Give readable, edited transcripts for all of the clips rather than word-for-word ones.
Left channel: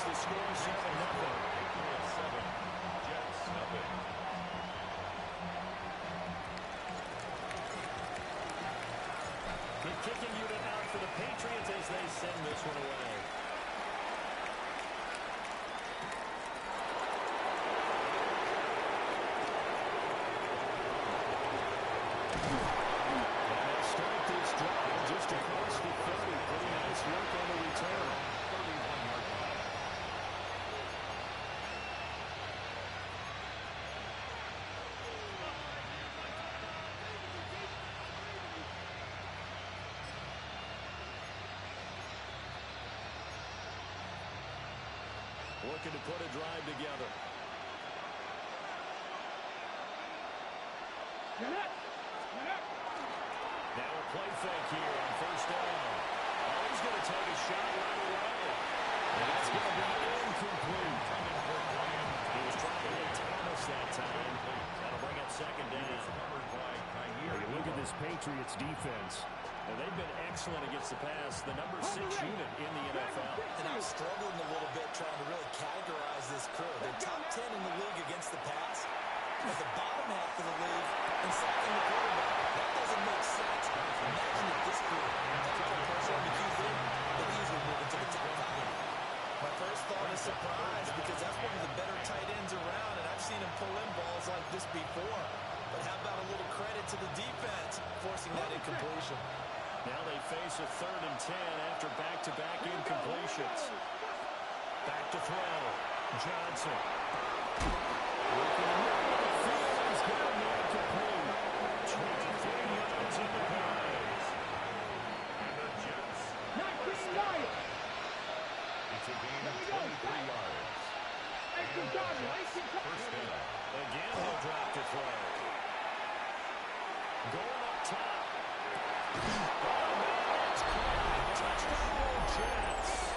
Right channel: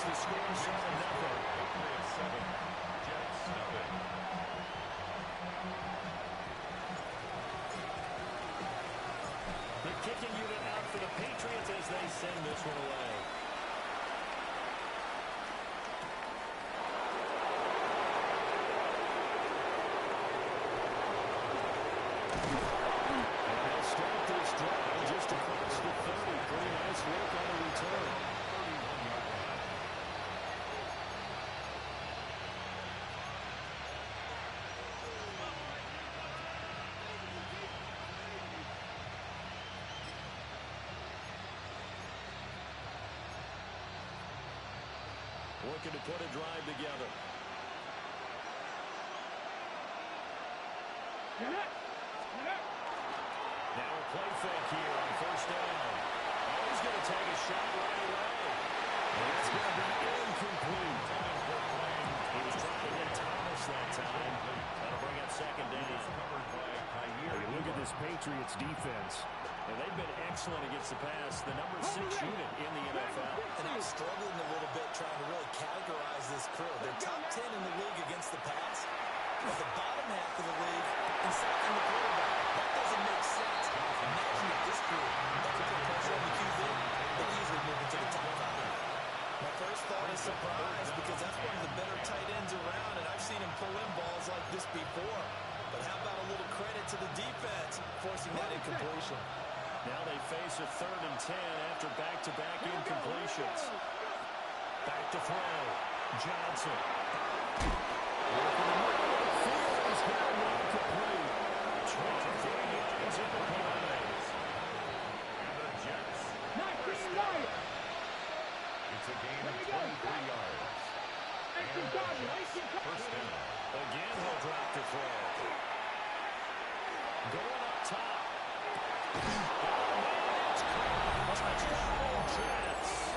Patriots, the score 7-0. Patriots 7, Jets 0. The kicking unit out for the Patriots as they send this one away. And they'll start this drive just across the 30. Pretty nice work on the return. 31-yard line. Looking to put a drive together. Now a play fake here on first down. Oh, he's going to take a shot right away. And that's going to be incomplete. He was trying to get Thomas that time. That'll bring up second down. Covered by Kyer. You look at this Patriots defense. Now, they've been excellent against the pass. The number 6 unit in the NFL. And I'm struggling a little bit trying to really categorize this crew. They're top 10 in the league against the pass, but the bottom half of the league in sacking the quarterback. That doesn't make sense. Imagine if this crew ever put pressure on the QB, they'll easily move into the top 5. My first thought is surprise because that's one of the better tight ends around, and I've seen him pull in balls like this before. But how about a little credit to the defense forcing that incompletion? Now they face a 3rd and 10 after back-to-back incompletions. Back to throw. Johnson. Working the middle of the field. He's got him incomplete. 23 yards in the prize. And the Jets. 19 yards. It's a gain of 23 yards. And the Jets first down. Again, he'll drop to throw. Going up top. Oh, man, it's caught. Touchdown, Jets.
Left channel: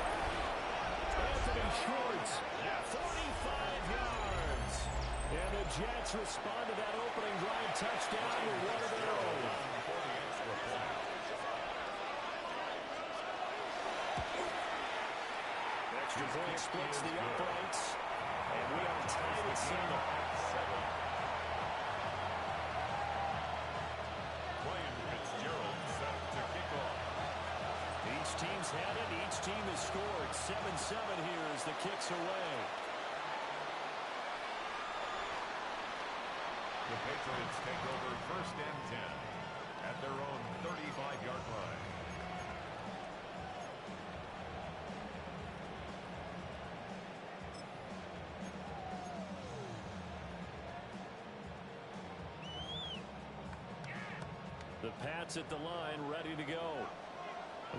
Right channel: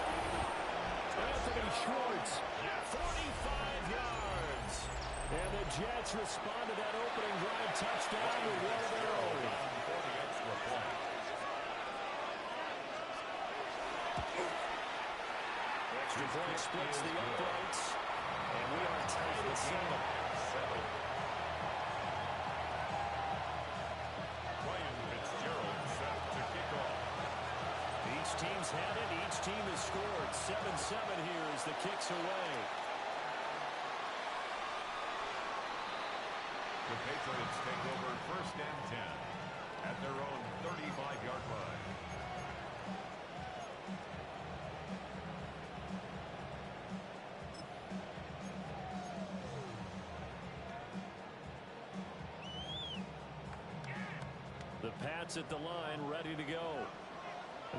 Anthony Schwartz, 45 yards. And the Jets respond to that opening drive touchdown with one of their own. For the extra point. Extra point splits the uprights. And we are tied at 7. Ryan Fitzgerald set to kick off. Each team's had it. Each team has scored. 7-7 here as the kick's away. The Patriots take over 1st and 10 at their own 35-yard line. The Pats at the line, ready to go.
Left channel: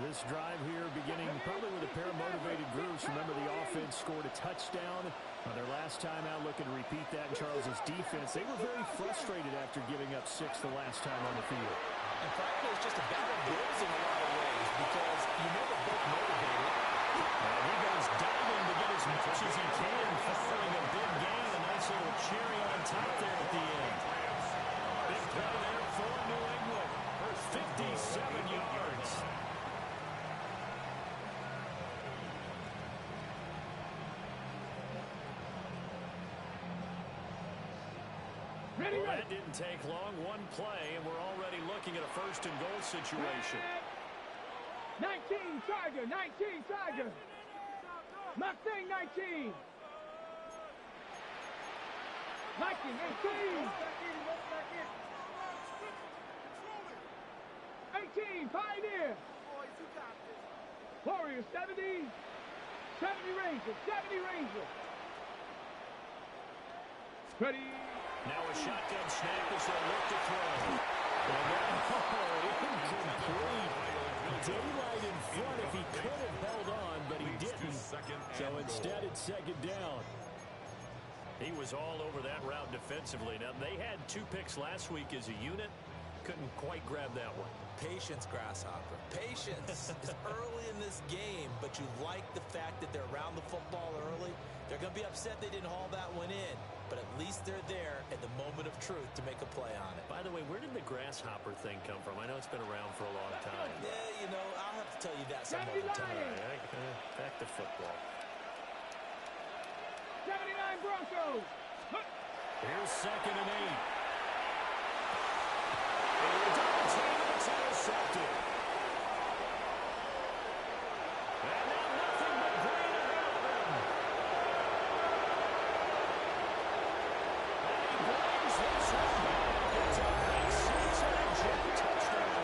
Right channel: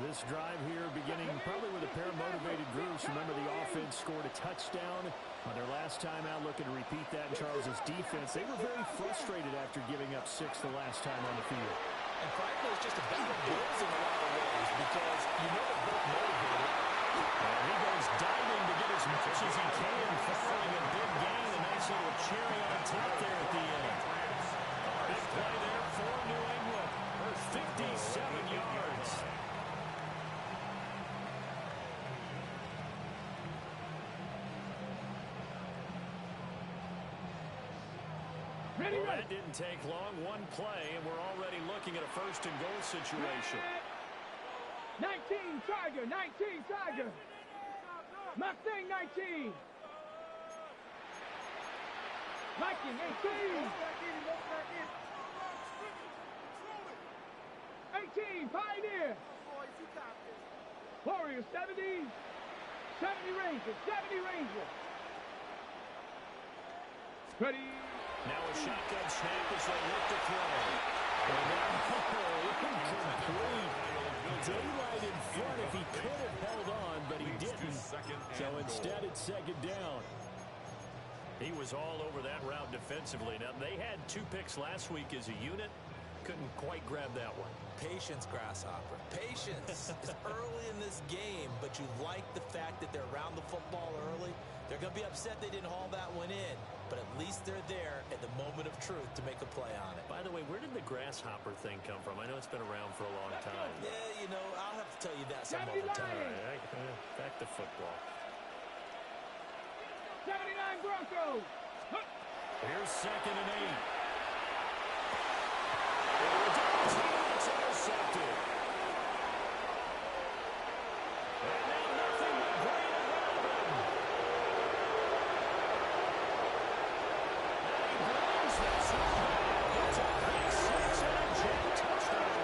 This drive here beginning probably with a pair of motivated groups. Remember, the offense scored a touchdown on their last time out, looking to repeat that in Charles's defense. They were very frustrated after giving up 6 the last time on the field. And frankly, it's just a battle of wills in a lot of ways because you know they're both motivated. And he goes diving to get as much as he can, following a big gain. A nice little cherry on top there at the end. Big play there for New England. 57 yards. Well, that didn't take long. One play, and we're already looking at a 1st and goal situation. 19 Tiger, 19 Tiger. Mustang 19. Viking 18. 18 Pioneer. Warriors 70. 70 Rangers, 70 Rangers. Ready. Now a shotgun snap as they look to throw. Incomplete. Daylight in front if he could have held on, but he didn't. So instead it's 2nd down. He was all over that route defensively. Now, they had 2 picks last week as a unit. Couldn't quite grab that one. Patience, Grasshopper. Patience is early in this game, but you like the fact that they're around the football early. They're going to be upset they didn't haul that one in, but at least they're there at the moment of truth to make a play on it. By the way, where did the grasshopper thing come from? I know it's been around for a long time. Yeah, you know, I'll have to tell you that some other time. All right, back to football. 9 Broncos. Here's 2nd and 8. A double team, and it's intercepted. And now nothing but green ahead of him. And he brings this one back. It's a big 6 and a Jet touchdown.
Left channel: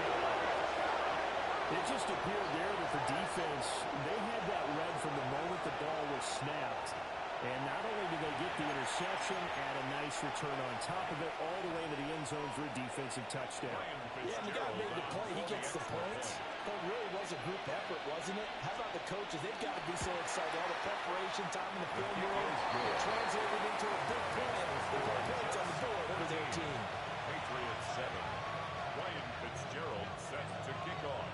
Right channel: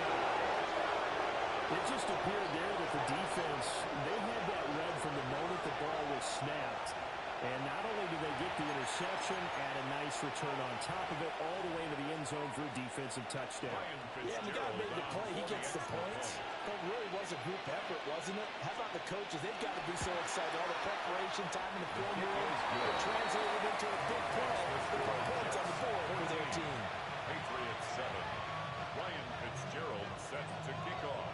It just appeared there that the defense, they had that read from the moment the ball was snapped. And not only did they get the interception, add a nice return on top of it, all the way to the end zone for a defensive touchdown. Yeah, and the guy made the play. He gets the points. But it really was a group effort, wasn't it? How about the coaches? They've got to be so excited. All the preparation time in the film room, it translated into a big play. They put points on the board for their team. Patriots 7. Ryan Fitzgerald set to kick off.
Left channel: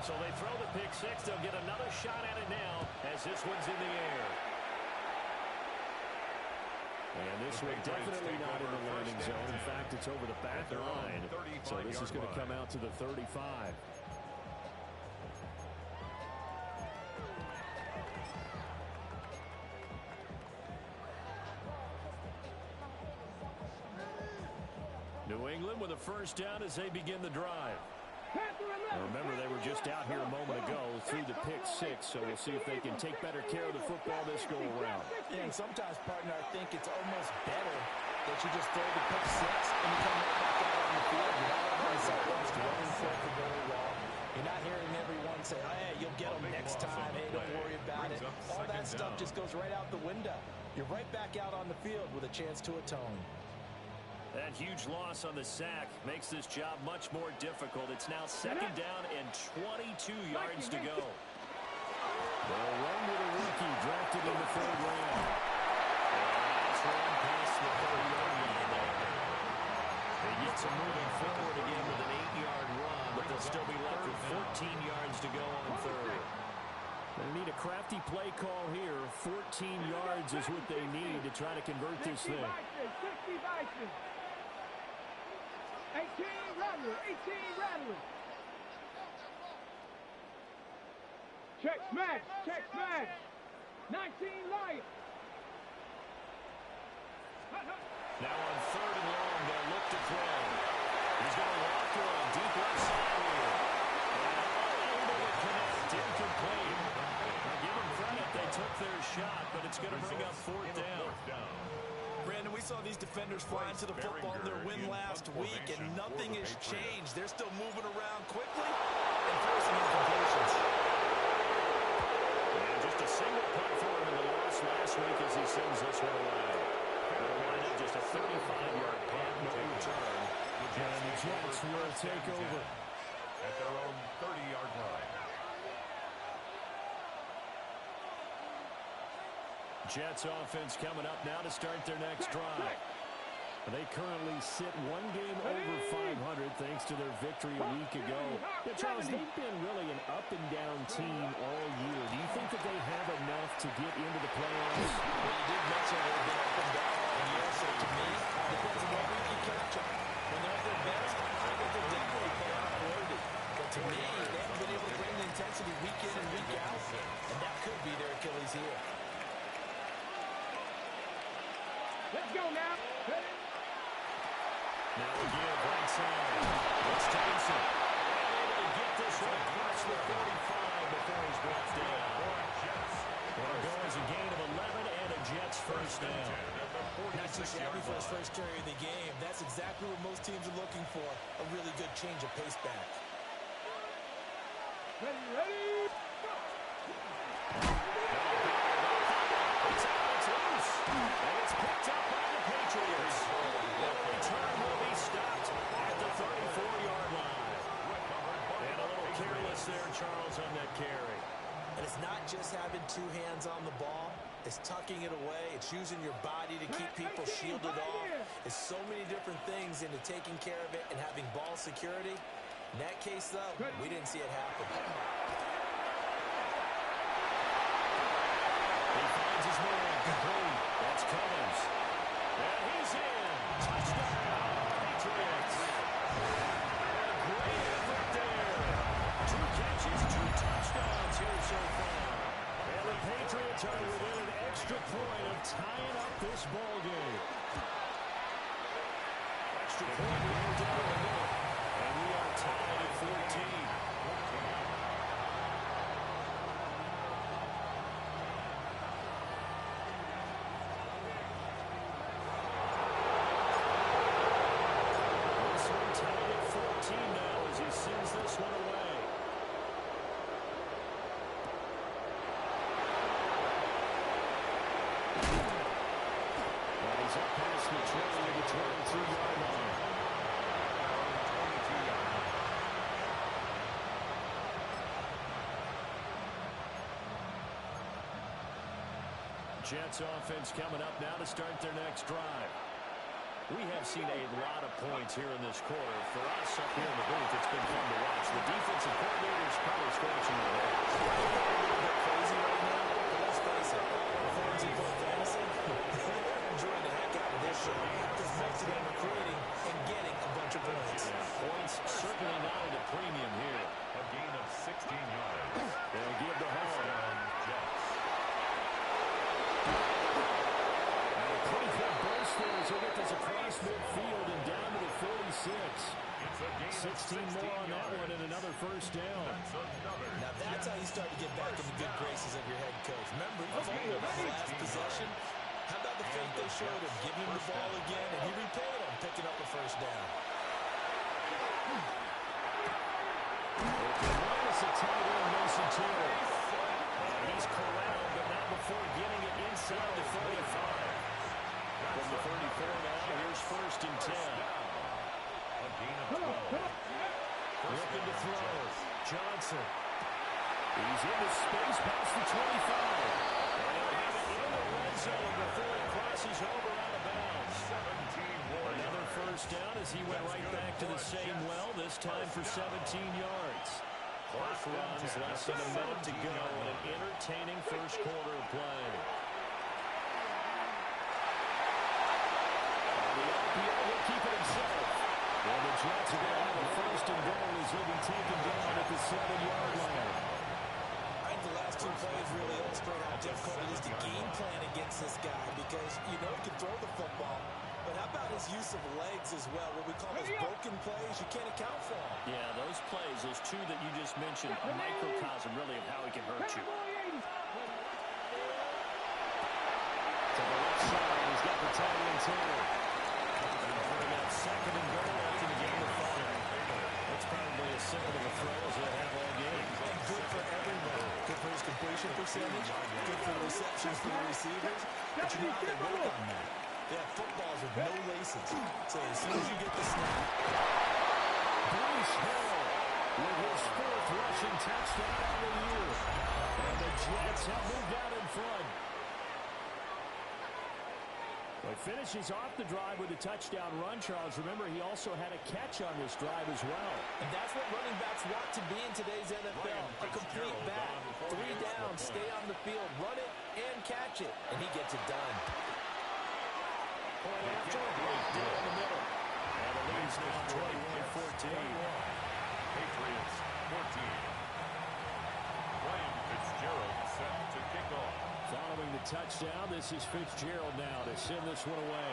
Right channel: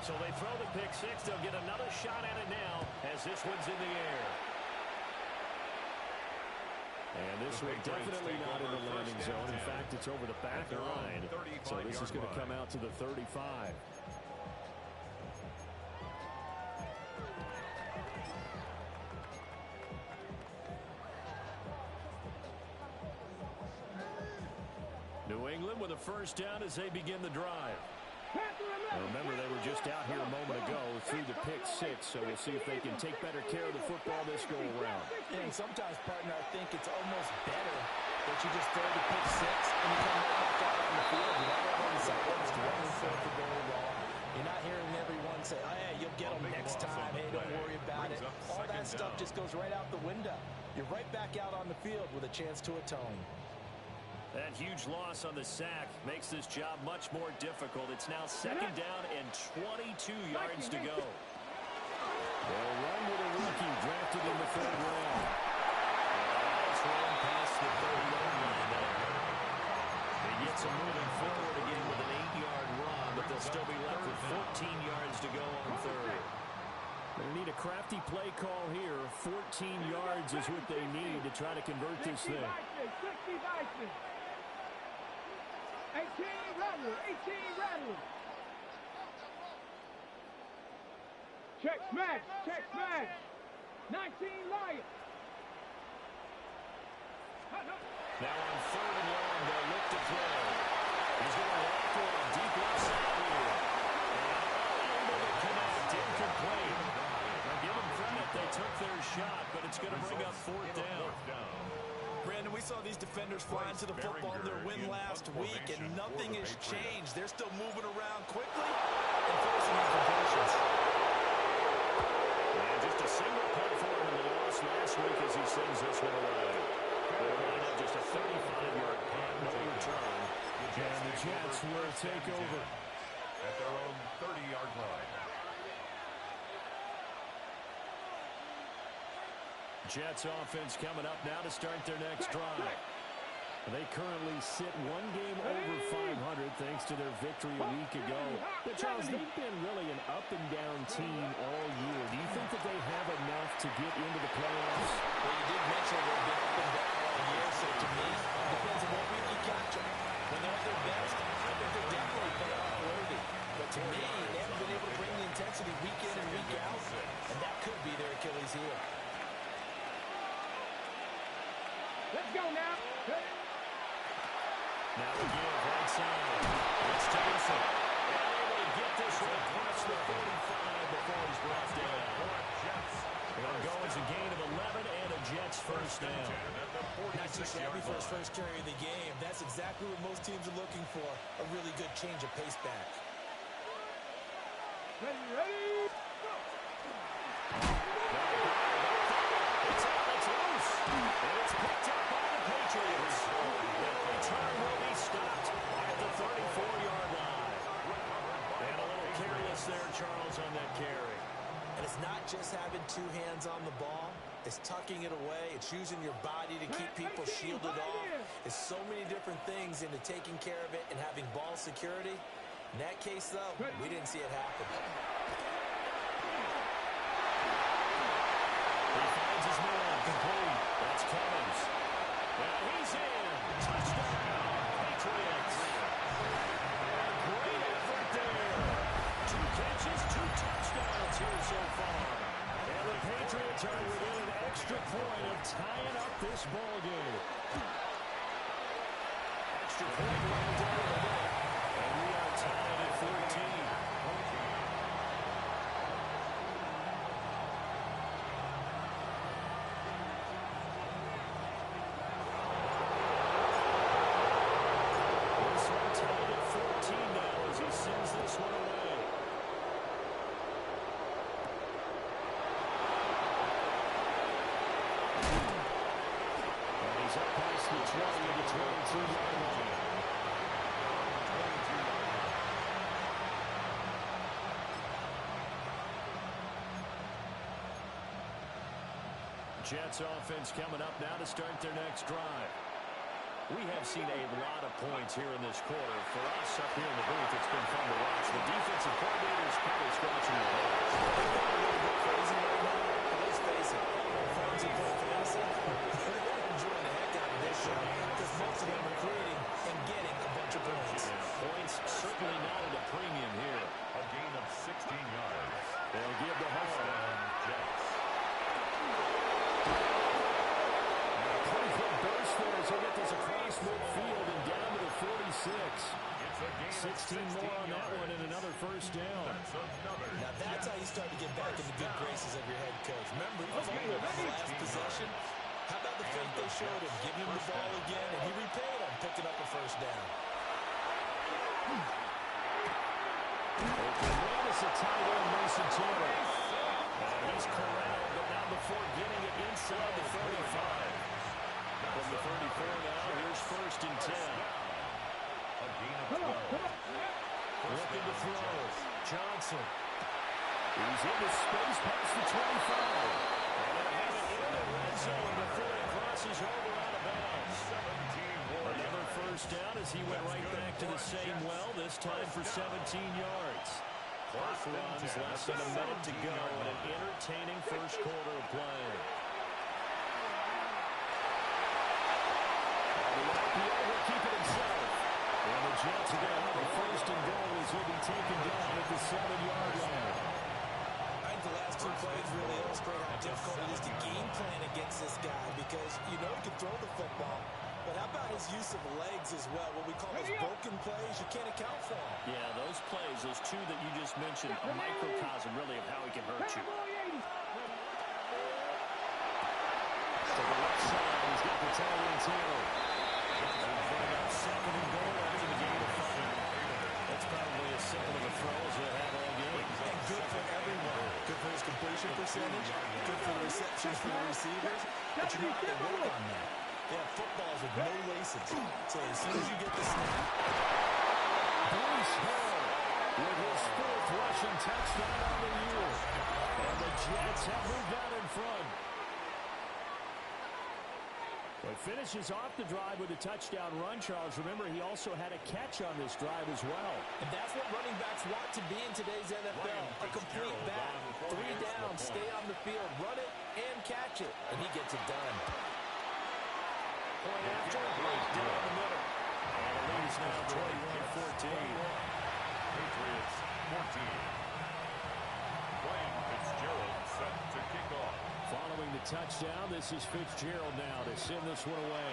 So they throw the pick 6. They'll get another shot at it now as this one's in the air. And this one definitely not in the landing zone. In fact, it's over the back line. So this is going to come out to the 35. New England with a first down as they begin the drive. Remember, they were just out here a moment ago through the pick 6, so we'll see if they can take better care of the football this go-around. And sometimes, partner, I think it's almost better that you just throw the pick 6 and you come right back out on the field. You're not on the sidelines running for very long. You're not hearing everyone say, oh, yeah, you'll get them next time. Hey, don't worry about it. All that stuff just goes right out the window. You're right back out on the field with a chance to atone. That huge loss on the sack makes this job much more difficult. It's now 2nd down and 22 yards to go. They'll run with a rookie drafted in the 3rd round. And a nice run past the 30-yard line there. They get some moving forward again with an 8-yard run, but they'll still be left with 14 yards to go on 3rd. They need a crafty play call here. 14 yards is what they need to try to convert this thing. 18 Rattler, 18 Rattler. Check smash, 19 Lion. Now on 3rd and long, they'll look to throw. He's going to walk one deep left side here. And unable to connect, incomplete. Now give them credit, they took their shot, but it's going to bring up 4th down. Brandon, we saw these defenders flying to the football in their win last week, and nothing has changed. They're still moving around quickly and forcing incompletions. And just a single punt for him in the loss last week as he sends this one away. They'll wind up just a 35-yard punt, no return. And the Jets will take over at their own 30-yard line. Jets offense coming up now to start their next drive. They currently sit one game over 500 thanks to their victory a week ago. But Charles, they've been really an up-and-down team all year. Do you think that they have enough to get into the playoffs? Well, you did mention they've been up and down all year, so to me, it depends on what week you catch them. When they're at their best, I think they're definitely playoff worthy. But to me, they haven't been able to bring the intensity week in and week out, and that could be their Achilles heel. Let's go now. Now again, right side. It's Tyson. And able to get this one across the 45 before he's brought down. It'll go as a gain of 11 and a Jets first down. Not too shabby for his first carry of the game. That's exactly what most teams are looking for. A really good change of pace back. Ready, go! It's out, it's loose. And it's picked up by the Patriots. And the return will be stopped at the 34-yard line. And a little careless there, Charles, on that carry. And it's not just having two hands on the ball. It's tucking it away. It's using your body to keep people shielded off. It's so many different things into taking care of it and having ball security. In that case, though, we didn't see it happen. He finds his man complete. That's Cummins. And he's in. Touchdown, Patriots. And a great effort there. 2 catches, 2 touchdowns here so far. And the Patriots are within an extra point of tying up this ball game. Extra point right down the middle. And we are tied at 14. This one tied at 14 now as he sends this one away. And he's up past the 20 to the 22-yard line. Their own 22-yard line. Jets offense coming up now to start their next drive. We have seen a lot of points here in this quarter. For us up here in the booth, it's been fun to watch. The defensive coordinator's probably scratching their heads. They're going a little bit crazy right now, but let's face it, all our friends who play fantasy, they're enjoying the heck out of this show because most of them are creating and getting a bunch of points. Yeah, points certainly not at a premium here. A gain of 16 yards. They'll give the ball. Touchdown, Jets. And a pretty good burst there as he'll get this across midfield and down to the 46. It's a gain 16 of 16 more on that yards. one and another first down. That's another. Now that's how you start to get back in the good graces of your head coach. Remember, he fumbled on the last possession. How about the faith they showed him? Giving him the ball again, and he repaid him, picking up a first down. It's a tight end, Mason Taylor. And he's corralled, but not before getting it inside the 35. From the 34 now, here's first and 10. A gain of 12. Looking to throw. Johnson. He's into space past the 25. And he'll have it in the red zone before it crosses over out of bounds. 17 more Another yards. first down as he went right back to the same well, this time for 17 yards. Clock runs, less than a minute to go in an entertaining first quarter of play. And the RPO will keep it himself. And the Jets are going to have a first and goal as he'll be taken down at the 7-yard line. I think the last two plays really illustrate how difficult it is to game plan against this guy because you know he can throw the football, but how about his use of legs as well? What we call those broken plays, you can't account for them. Yeah, those plays, those two that you just mentioned, a microcosm really of how he can hurt you. To the left side, he's got the tight end Taylor. And putting out second and goal after the game of 5. That's probably as simple of a throw as they have all game. And good for everyone. Good for his completion percentage, good for the receptions for the receivers, but you know how they work on that. They have footballs with no laces. So as soon as you get the snap. Breece Hall with his 4th rushing touchdown on the year. And the Jets have moved out in front. Well, he finishes off the drive with a touchdown run, Charles. Remember, he also had a catch on this drive as well. And that's what running backs want to be in today's NFL. A complete back. 3 down, stay on the field, run it, and catch it. And he gets it done. Point after, right down the middle. And the lead is now 21-14. Patriots 14. Ryan Fitzgerald set to kick off. Following the touchdown, this is Fitzgerald now to send this one away.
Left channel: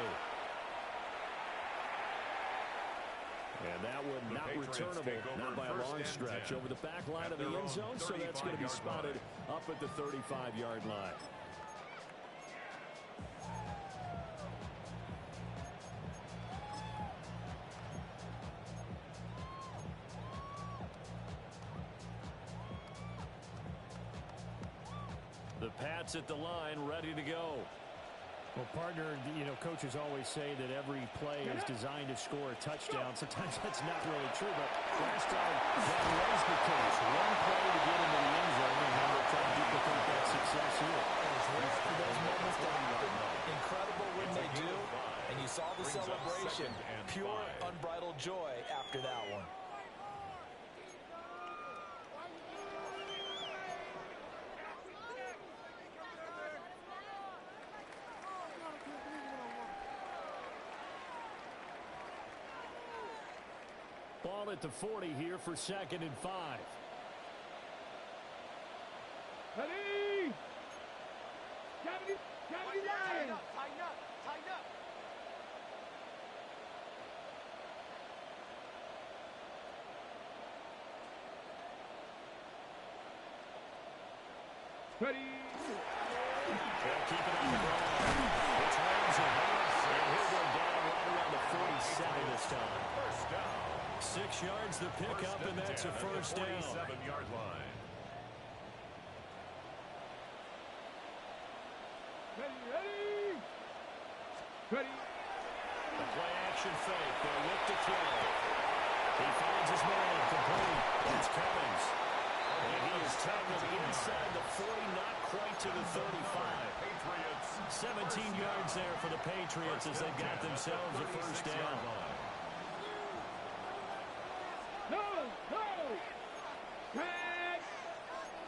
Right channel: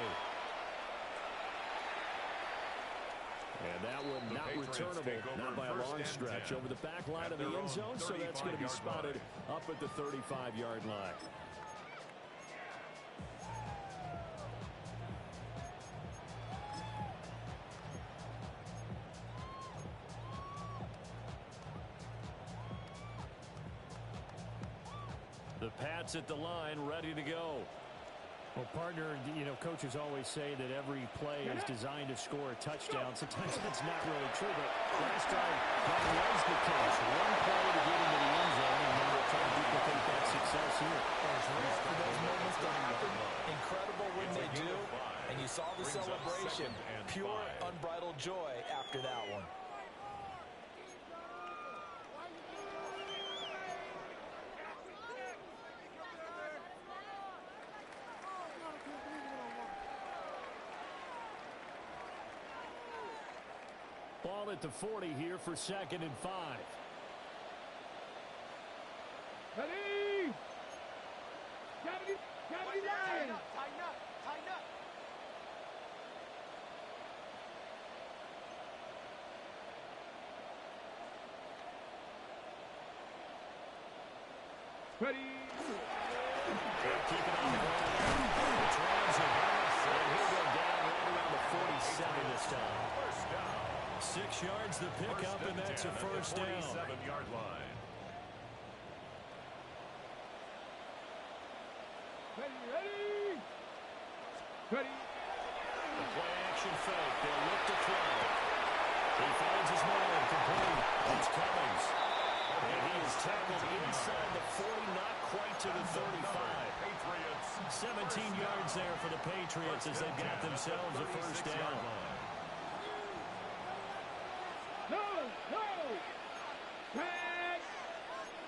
And that one not returnable, not by a long stretch, over the back line of the end zone, so that's going to be spotted up at the 35-yard line. The Pats at the line, ready to go. Well, partner, you know, coaches always say that every play is designed to score a touchdown. Sometimes that's not really true, but last drive, that was the case. One play to get into the end zone, and now they're trying to duplicate that success here. And it's rare for those moments to happen. Incredible when they do. And you saw the celebration. Pure, unbridled joy after that one. Ball at the 40 here for 2nd and 5. Ready? 79. Tighten up, tighten up, tighten up. Ready. They'll keep it on the ground. It's Ramsey. And he'll go down right around the 47 this time. First down. 6 yards the pickup, and that's a first down. 47-yard line. Ready, ready. Ready. The play action fake. They'll look to throw. He finds his man complete. It's Cummings. And he is tackled inside the 40, not quite to the 35. Patriots. 17 yards there for the Patriots as they've got themselves a first down. No, no. Tag.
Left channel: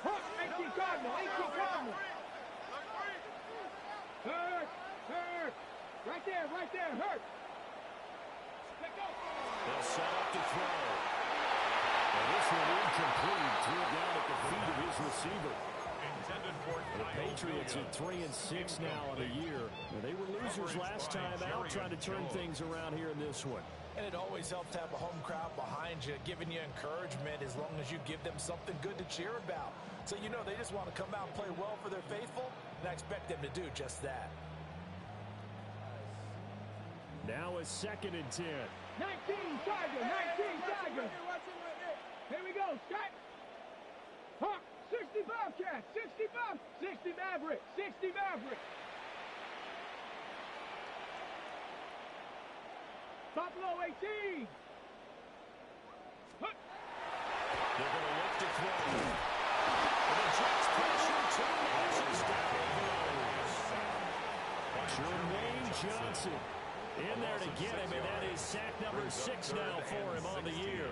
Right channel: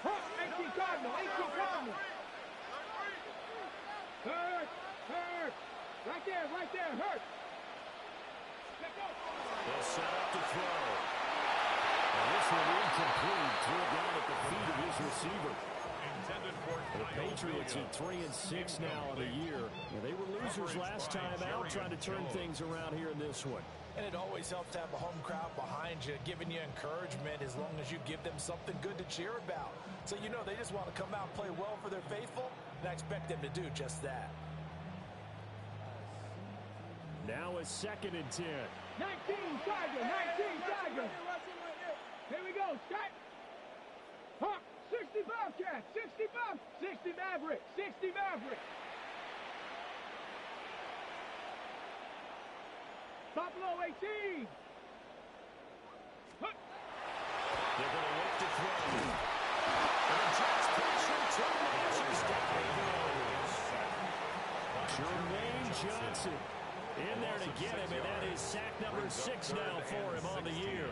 Hook, 18 Cardinal, 18 Cardinal. Hurt, hurt. Right there, hurt. Let go. They'll set up to throw. And this one incomplete. Threw it down at the feet of his receiver. Intended for The Patriots at 3-6 now on the year. They were losers last time out, trying to turn things around here in this one. And it always helps to have a home crowd behind you, giving you encouragement as long as you give them something good to cheer about. So you know they just want to come out and play well for their faithful, and I expect them to do just that. Now a 2nd and 10. 19 Tiger, 19 Tiger. Here we go, Scott. Hawk, 65 Cat, 65, 60 Maverick, 60 Maverick. Buffalo 18. Hook. They're going to look to throw. And the Jets pressure, 2 matches down he goes. Jermaine Johnson in there to get him, and that is sack number 6 now for him on the year.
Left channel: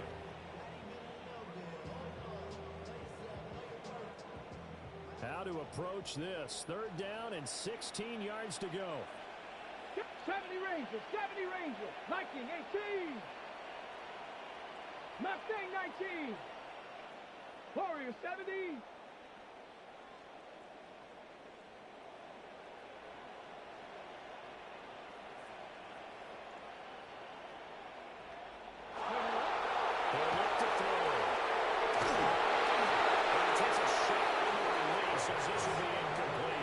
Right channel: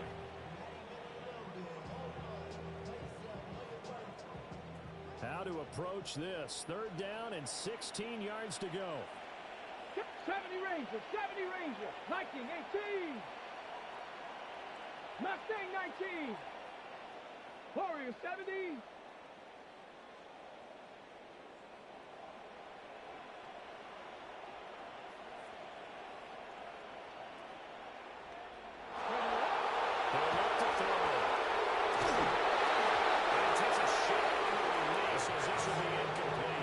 How to approach this. 3rd down and 16 yards to go. 70 Ranger, 70 Ranger. Viking 18. Mustang 19. Warrior 70. They'll look to throw. And he takes a shot on the release as this will be incomplete.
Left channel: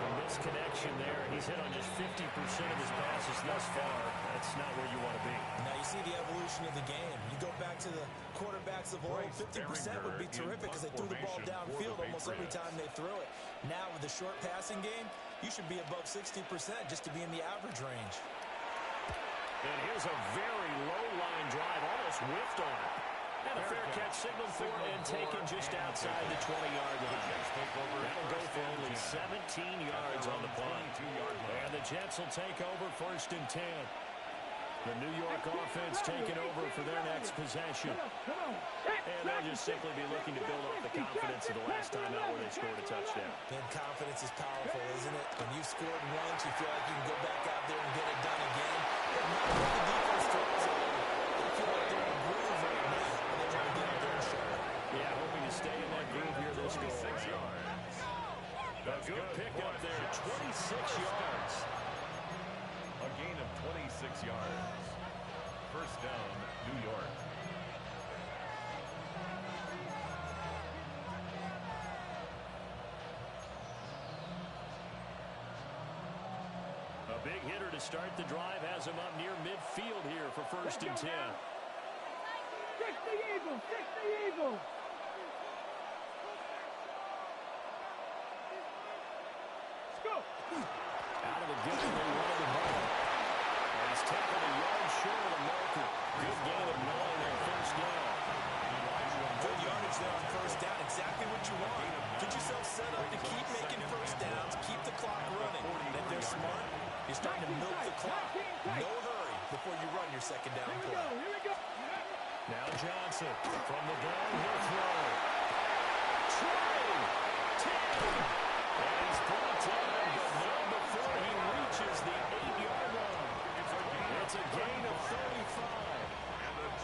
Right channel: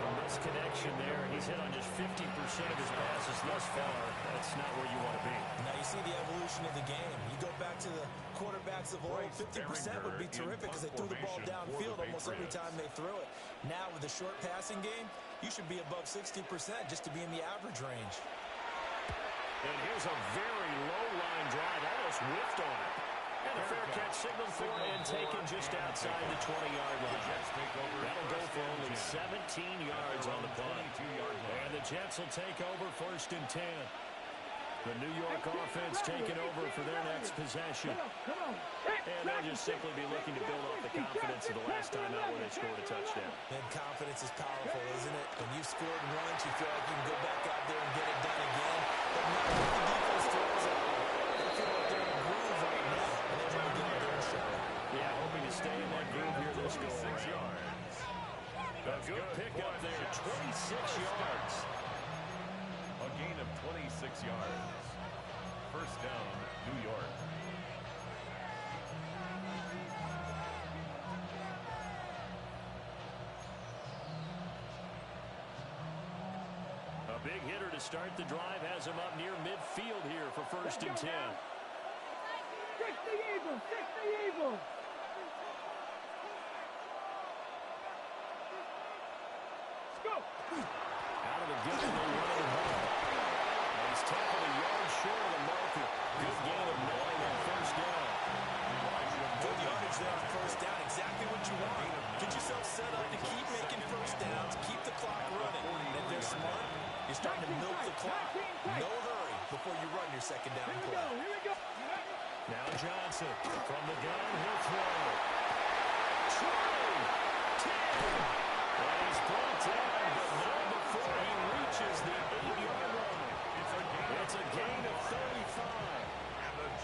From this connection there, he's hit on just 50% of his passes thus far. That's not where you want to be. Now you see the evolution of the game. You go back to the quarterbacks of old, 50% would be terrific because they threw the ball downfield almost every time they threw it. Now with the short passing game, you should be above 60% just to be in the average range. And here's a very low-line drive, almost whiffed on it. And a fair catch signaled for and taken just outside the 20-yard line. That'll go for only 17 yards on the punt. And the Jets will take over 1st and 10. The New York offense taking over for their next possession. And they'll just simply be looking to build off the confidence of the last time out where they scored a touchdown. And confidence is powerful, isn't it? When you've scored once, you feel like you can go back out there and get it done again. But now what the defense throws at them, they feel like they're in a groove right now, and they want to get out there and show it. Yeah, hoping to stay in that groove here this go. 6 yards. A good pickup there, 26 yards. A gain of 26 yards. First down, New York. A big hitter to start the drive has him up near midfield here for 1st and 10. 60 Eagle, 60 Eagle. Let's go. Out of the gun, they run it home. And he's tackled a yard short of the marker. Good gain of 9 on 1st down. Good yardage there on 1st down. Exactly what you want. Get yourself set up to keep making 1st downs, keep the clock running. And if they're smart, you're starting to milk the clock. No hurry before you run your 2nd down play. Here we go. Now Johnson from the gun, he'll throw. Trying. 10. And he's brought down, but not before he reaches the 8-yard line. It's a gain of 35.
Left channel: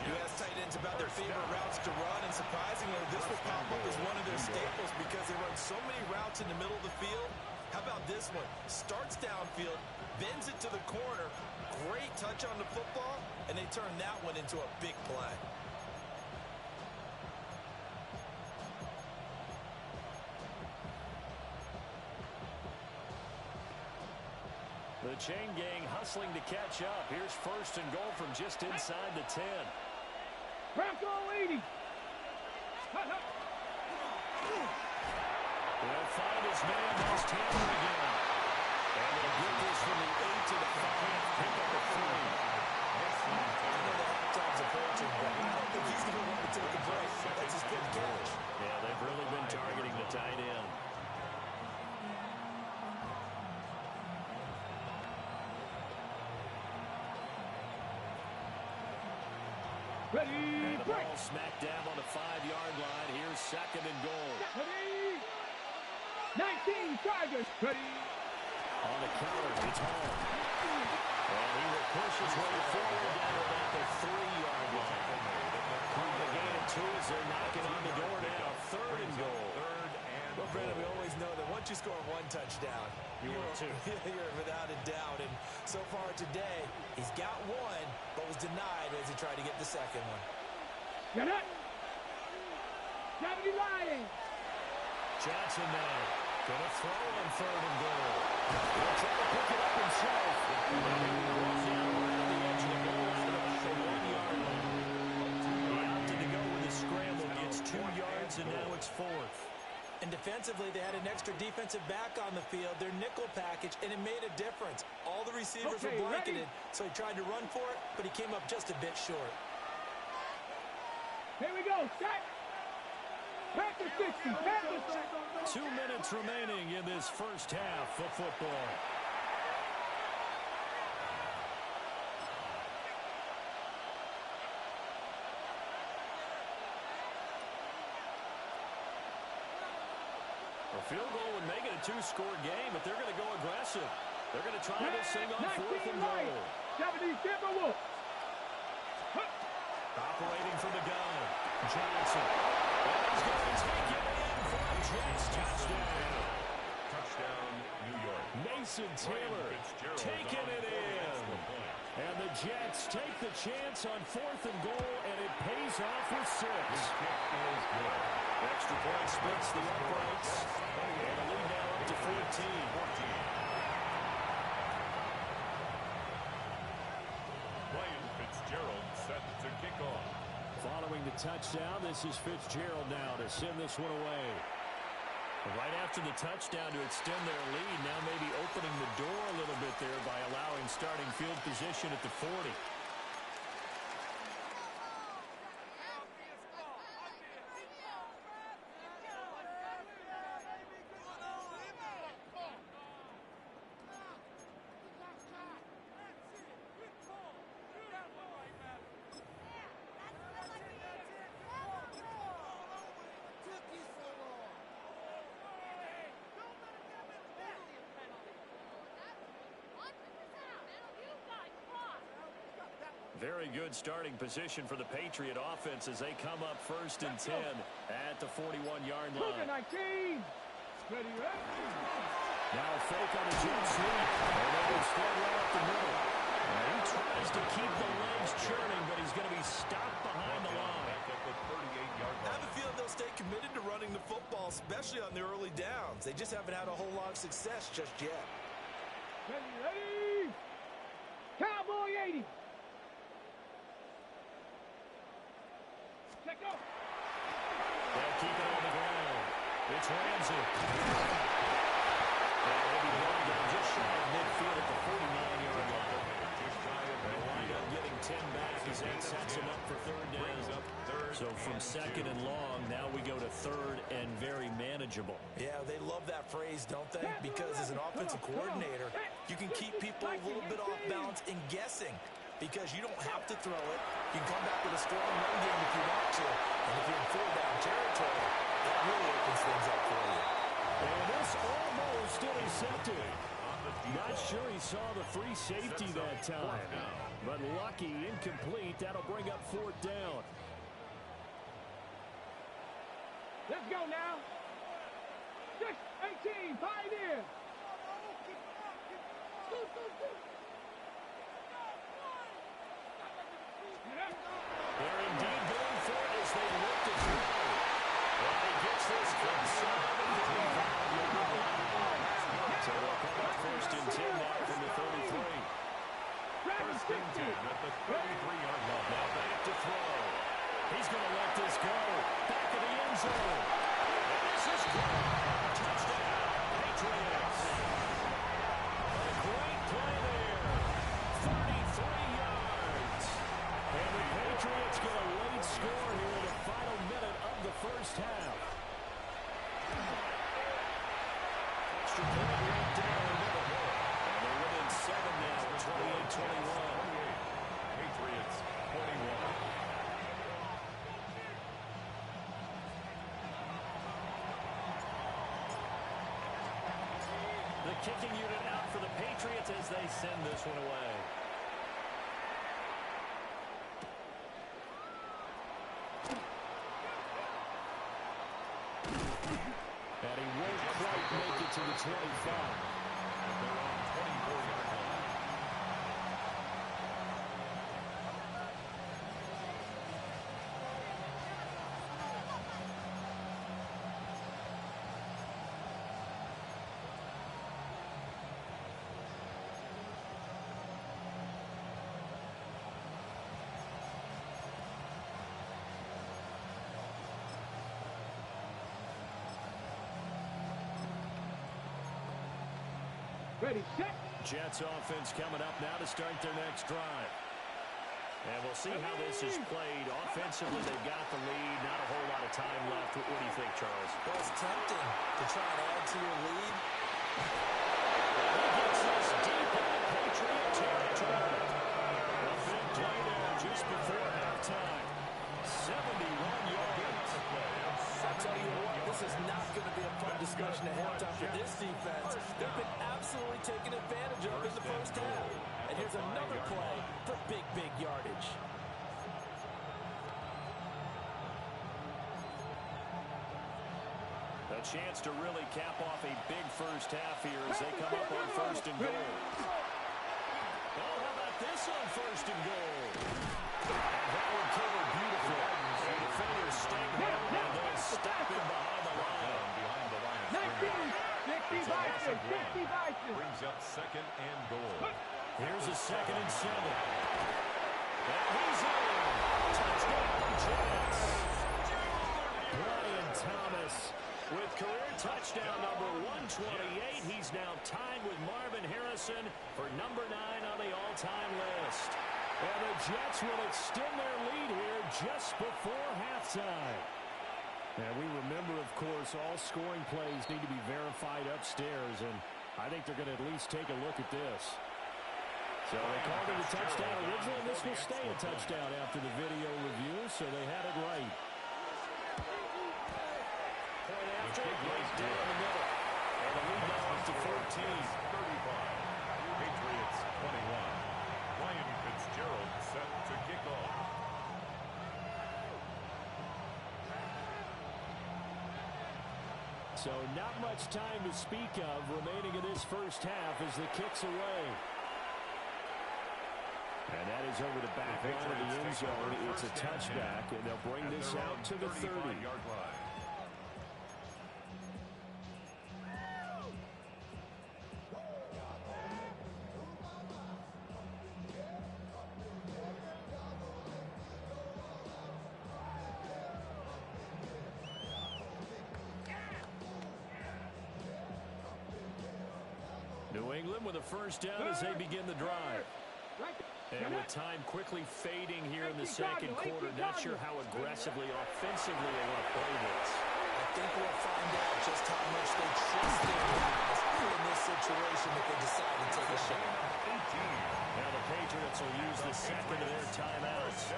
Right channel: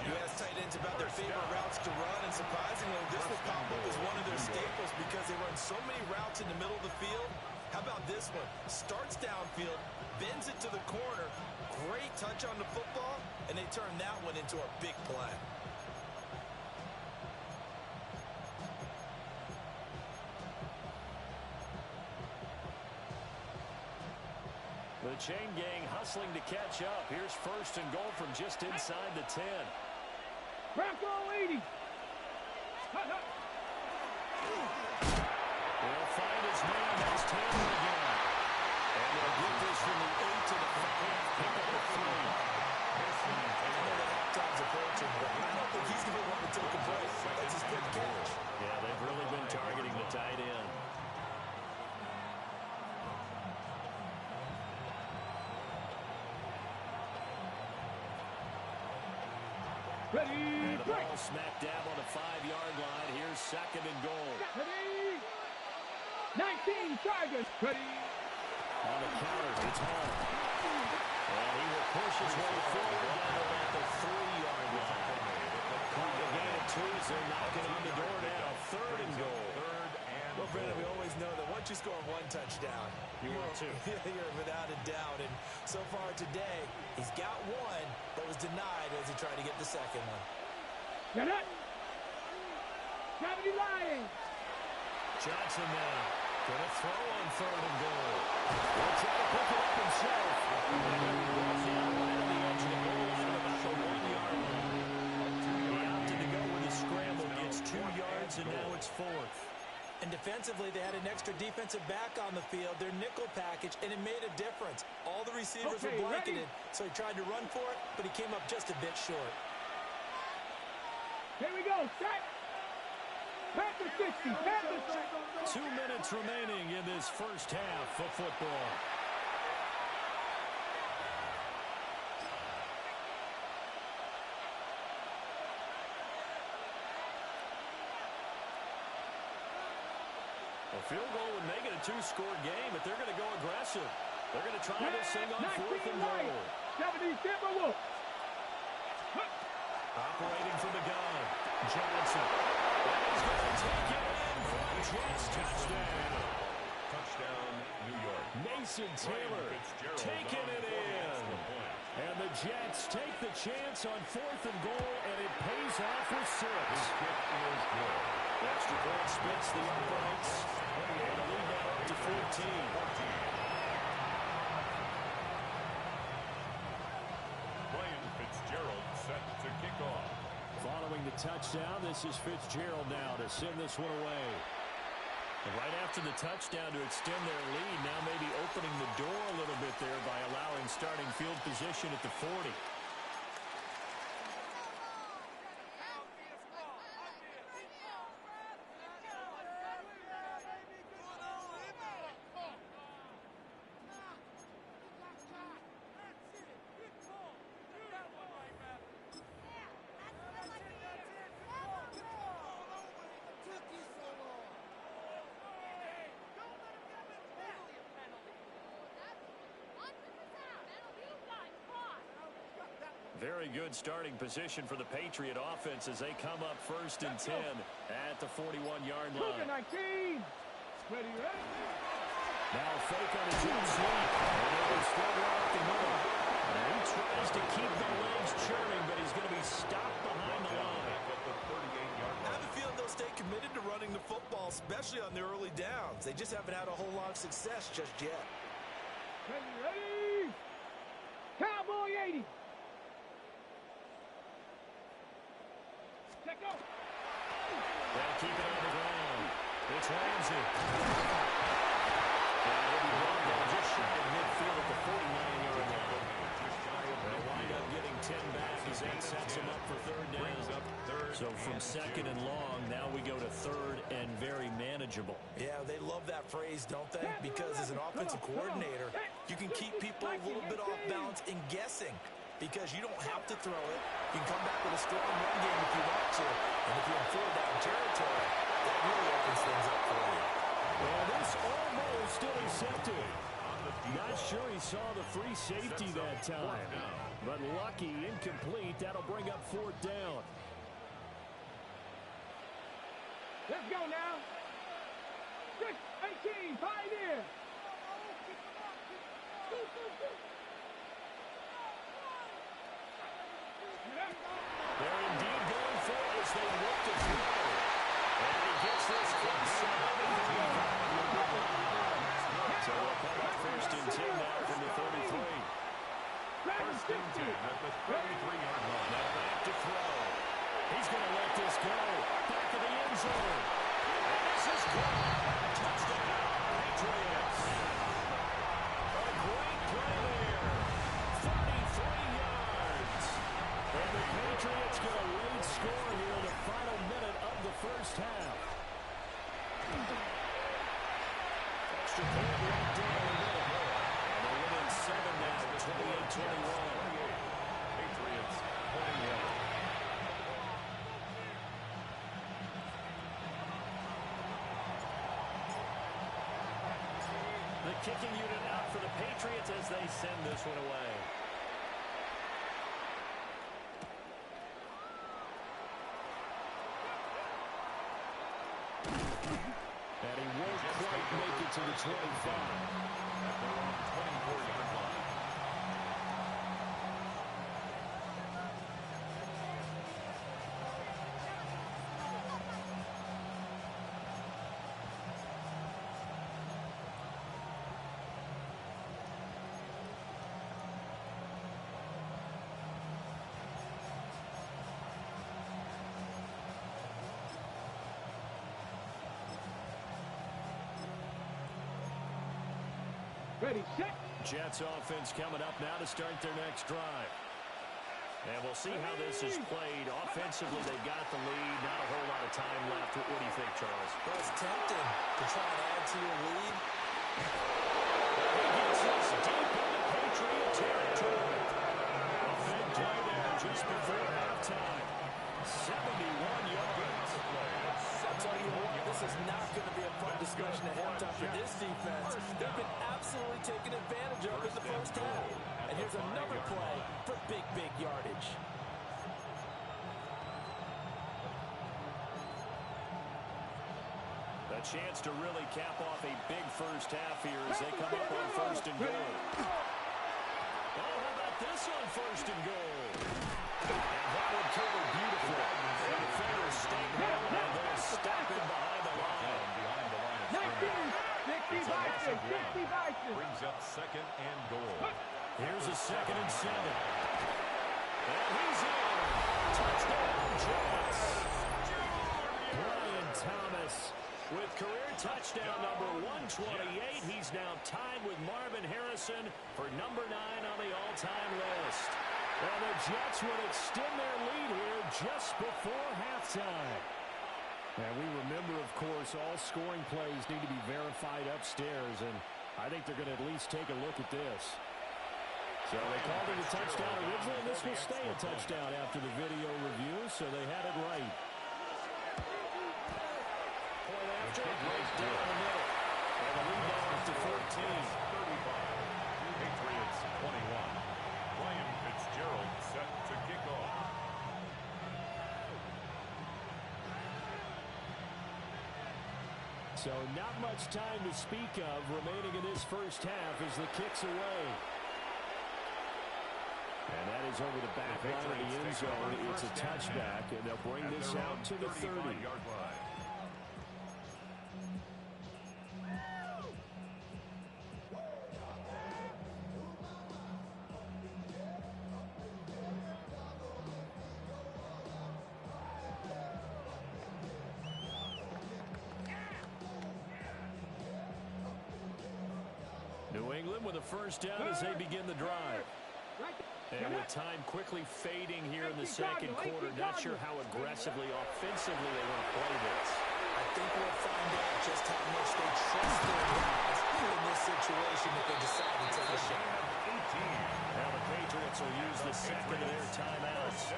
You ask tight ends about their favorite routes to run, and surprisingly, this will pop up as one of their staples because they run so many routes in the middle of the field. How about this one? Starts downfield, bends it to the corner. Great touch on the football, and they turn that one into a big play. The chain gang hustling to catch up. Here's first and goal from just inside the 10. Bronco 80. He'll find his man. That's Taylor again. And they'll get this from the 8 to the 5. Pick up the 3. I know the halftime's approaching, but I don't think he's going to want to take a break. That's his good catch. Yeah, they've really been targeting the tight end. Ready, And the break. ball smack dab on the 5-yard line. Here's second and goal. Ready. 19 Tigers. Ready. On the counter, it's home. And he will push his way forward down to about the 3-yard line. Call the gain of 2 as they're knocking on the door now. Third and goal. Well, Brandon, we always know that once you score one touchdown, You want two. You're without a doubt. And so far today, he's got one, but was denied as he tried to get the second one. Get it. 70 Lions. Johnson now. Gonna throw on third and goal. Will try to pick it up himself. And he'll be brought down right on the edge of the goal line at about the 1-yard line. He opted to go with a scramble. Gets 2 yards, and now it's fourth. And defensively, they had an extra defensive back on the field, their nickel package, and it made a difference. All the receivers were blanketed, so he tried to run for it, but he came up just a bit short. Here we go. Set. Panther 60. Panther 60. 2 minutes remaining in this first half of football. A field goal would make it a 2-score game, but they're going to go aggressive. They're going to try this thing on 4th and goal. 70 Timberwolves. Operating from the gun, Johnson. And he's going to take it in for a Jets touchdown. Touchdown, New York. Mason Taylor taking it in. And the Jets take the chance on 4th and goal, and it pays off with 6. His kick is good. Extra point splits the uprights. And the lead now up to 14. Ryan Fitzgerald set to kick off. Following the touchdown, this is Fitzgerald now to send this one away. Right after the touchdown to extend their lead, now maybe opening the door a little bit there by allowing starting field position at the 40. Very good starting position for the Patriot offense as they come up 1st and 10 at the 41-yard line. 19. Ready, ready. Now a fake on the jet sweep. And they will spread right up the middle. And he tries to keep the legs churning, but he's going to be stopped behind the line. At the 38-yard I have line. a feeling they'll stay committed to running the football, especially on the early downs. They just haven't had a whole lot of success just yet. Ready, ready. Cowboy 80. Check go. They'll keep it on the ground. It's Ramsey. And he'll be brought down just shy of midfield at the 49-yard line. Just shy of They'll wind up getting 10 back as that sets him up for third down. So from second and long, now we go to third and very manageable. Yeah, they love that phrase, don't they? Because as an offensive coordinator, you can keep people a little bit off balance and guessing. Because you don't have to throw it. You can come back with a strong run game if you want to. And if you're in 4-down territory, that really opens things up for you. And this almost intercepted. Not sure he saw the free safety that time. But lucky, incomplete. That'll bring up 4th down. Let's go now. 6-18, Pioneer. They're indeed going for it as they look to throw. And he gets this inside the 35-yard line. So they'll come up first and 10 now from the 33. First and 10 at the 33-yard line. Now back to throw. He's going to let this go. Back of the end zone. And this is good. Touchdown, Patriots. A great play there. 33 yards. And the Patriots get a late score here in the final minute of the first half. Extra point right down the middle. And they're within 7 now, 28-21. Patriots 21. The kicking unit out for the Patriots as they send this one away. And he won't quite make it to the 25. At their own 24-yard line. Ready, set. Jets offense coming up now to start their next drive. And we'll see how this is played. Offensively, they've got the lead. Not a whole lot of time left. What do you think, Charles? Well, it's tempting to try and add to your lead. He gets this deep into Patriot territory. A big play there just before halftime. 71 yards. I'll tell you what, this is not going to be a fun discussion at halftime for this defense. They've been absolutely taken advantage of in the first half. And here's another play for big, big yardage. A chance to really cap off a big first half here as they come up on first and goal. Oh, how about this on first and goal? And that one covered beautifully. The defenders stayed home and they'll stop him behind the line. Behind the line of 19, 60 scrimmage. Vikings, 60 Vikings. Brings up second and goal. Here's a 2nd and 7. And he's in. Touchdown, Jets. Brian Thomas with career touchdown number 128. He's now tied with Marvin Harrison for number 9 on the all-time list. And the Jets will extend their lead here just before halftime. And we remember, of course, all scoring plays need to be verified upstairs, and I think they're going to at least take a look at this. So they called it a touchdown originally, and this will stay a touchdown after the video review, so they had it right. Point after, right down the middle. And the lead now up to 14. 35. Patriots 21. Ryan Fitzgerald set to kick off. So not much time to speak of remaining in this first half as the kick's away. And that is over the back line of the end zone. It's a touchback, and they'll bring this out to the 30-yard line. New England with a first down as they begin the drive. And with time quickly fading here in the second quarter, not sure how aggressively, offensively they want to play this. I think we'll find out just how much they trust their guys in this situation if they decide to take a shot. Now the Patriots will use the second of their timeouts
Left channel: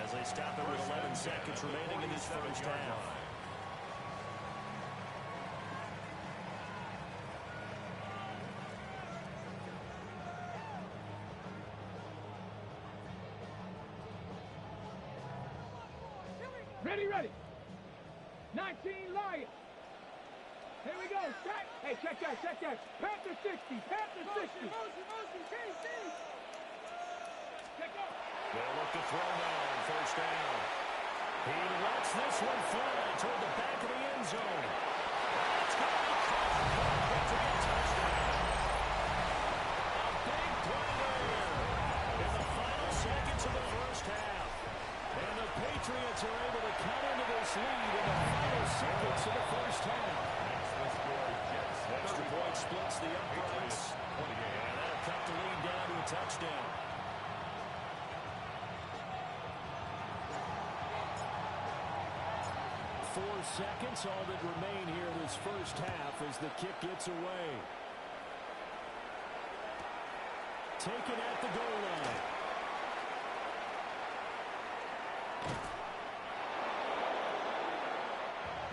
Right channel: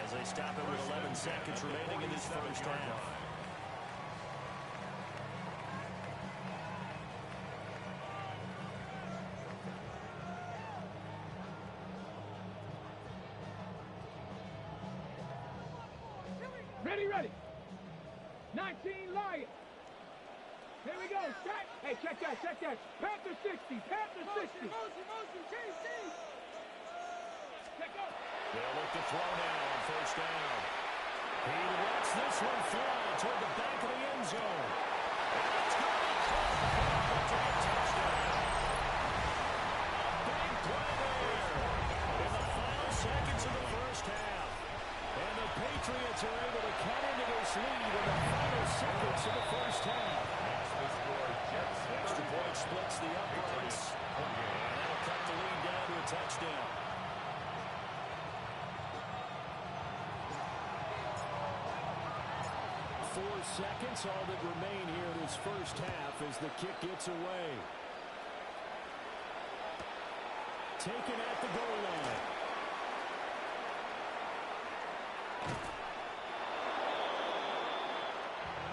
as they stop it with 11 seconds remaining in this first half. Ready, ready. 19 Lions. Here we go. Check. Hey, check that. Check that. Panther 60. Panther 60. Motion. Change. Check up. They'll look to throw now on first down. He lets this one fly toward the back of the end zone. And that's going to be caught for a Patriot touchdown. A big play there in the final seconds of the first half. And the Patriots are able to cut into this lead in the final seconds of the first half. Makes the score Jets. Extra point splits the uprights. And that'll cut the lead down to a touchdown. Four seconds, all that remain here in this first half as the kick gets away. Taken at the goal line.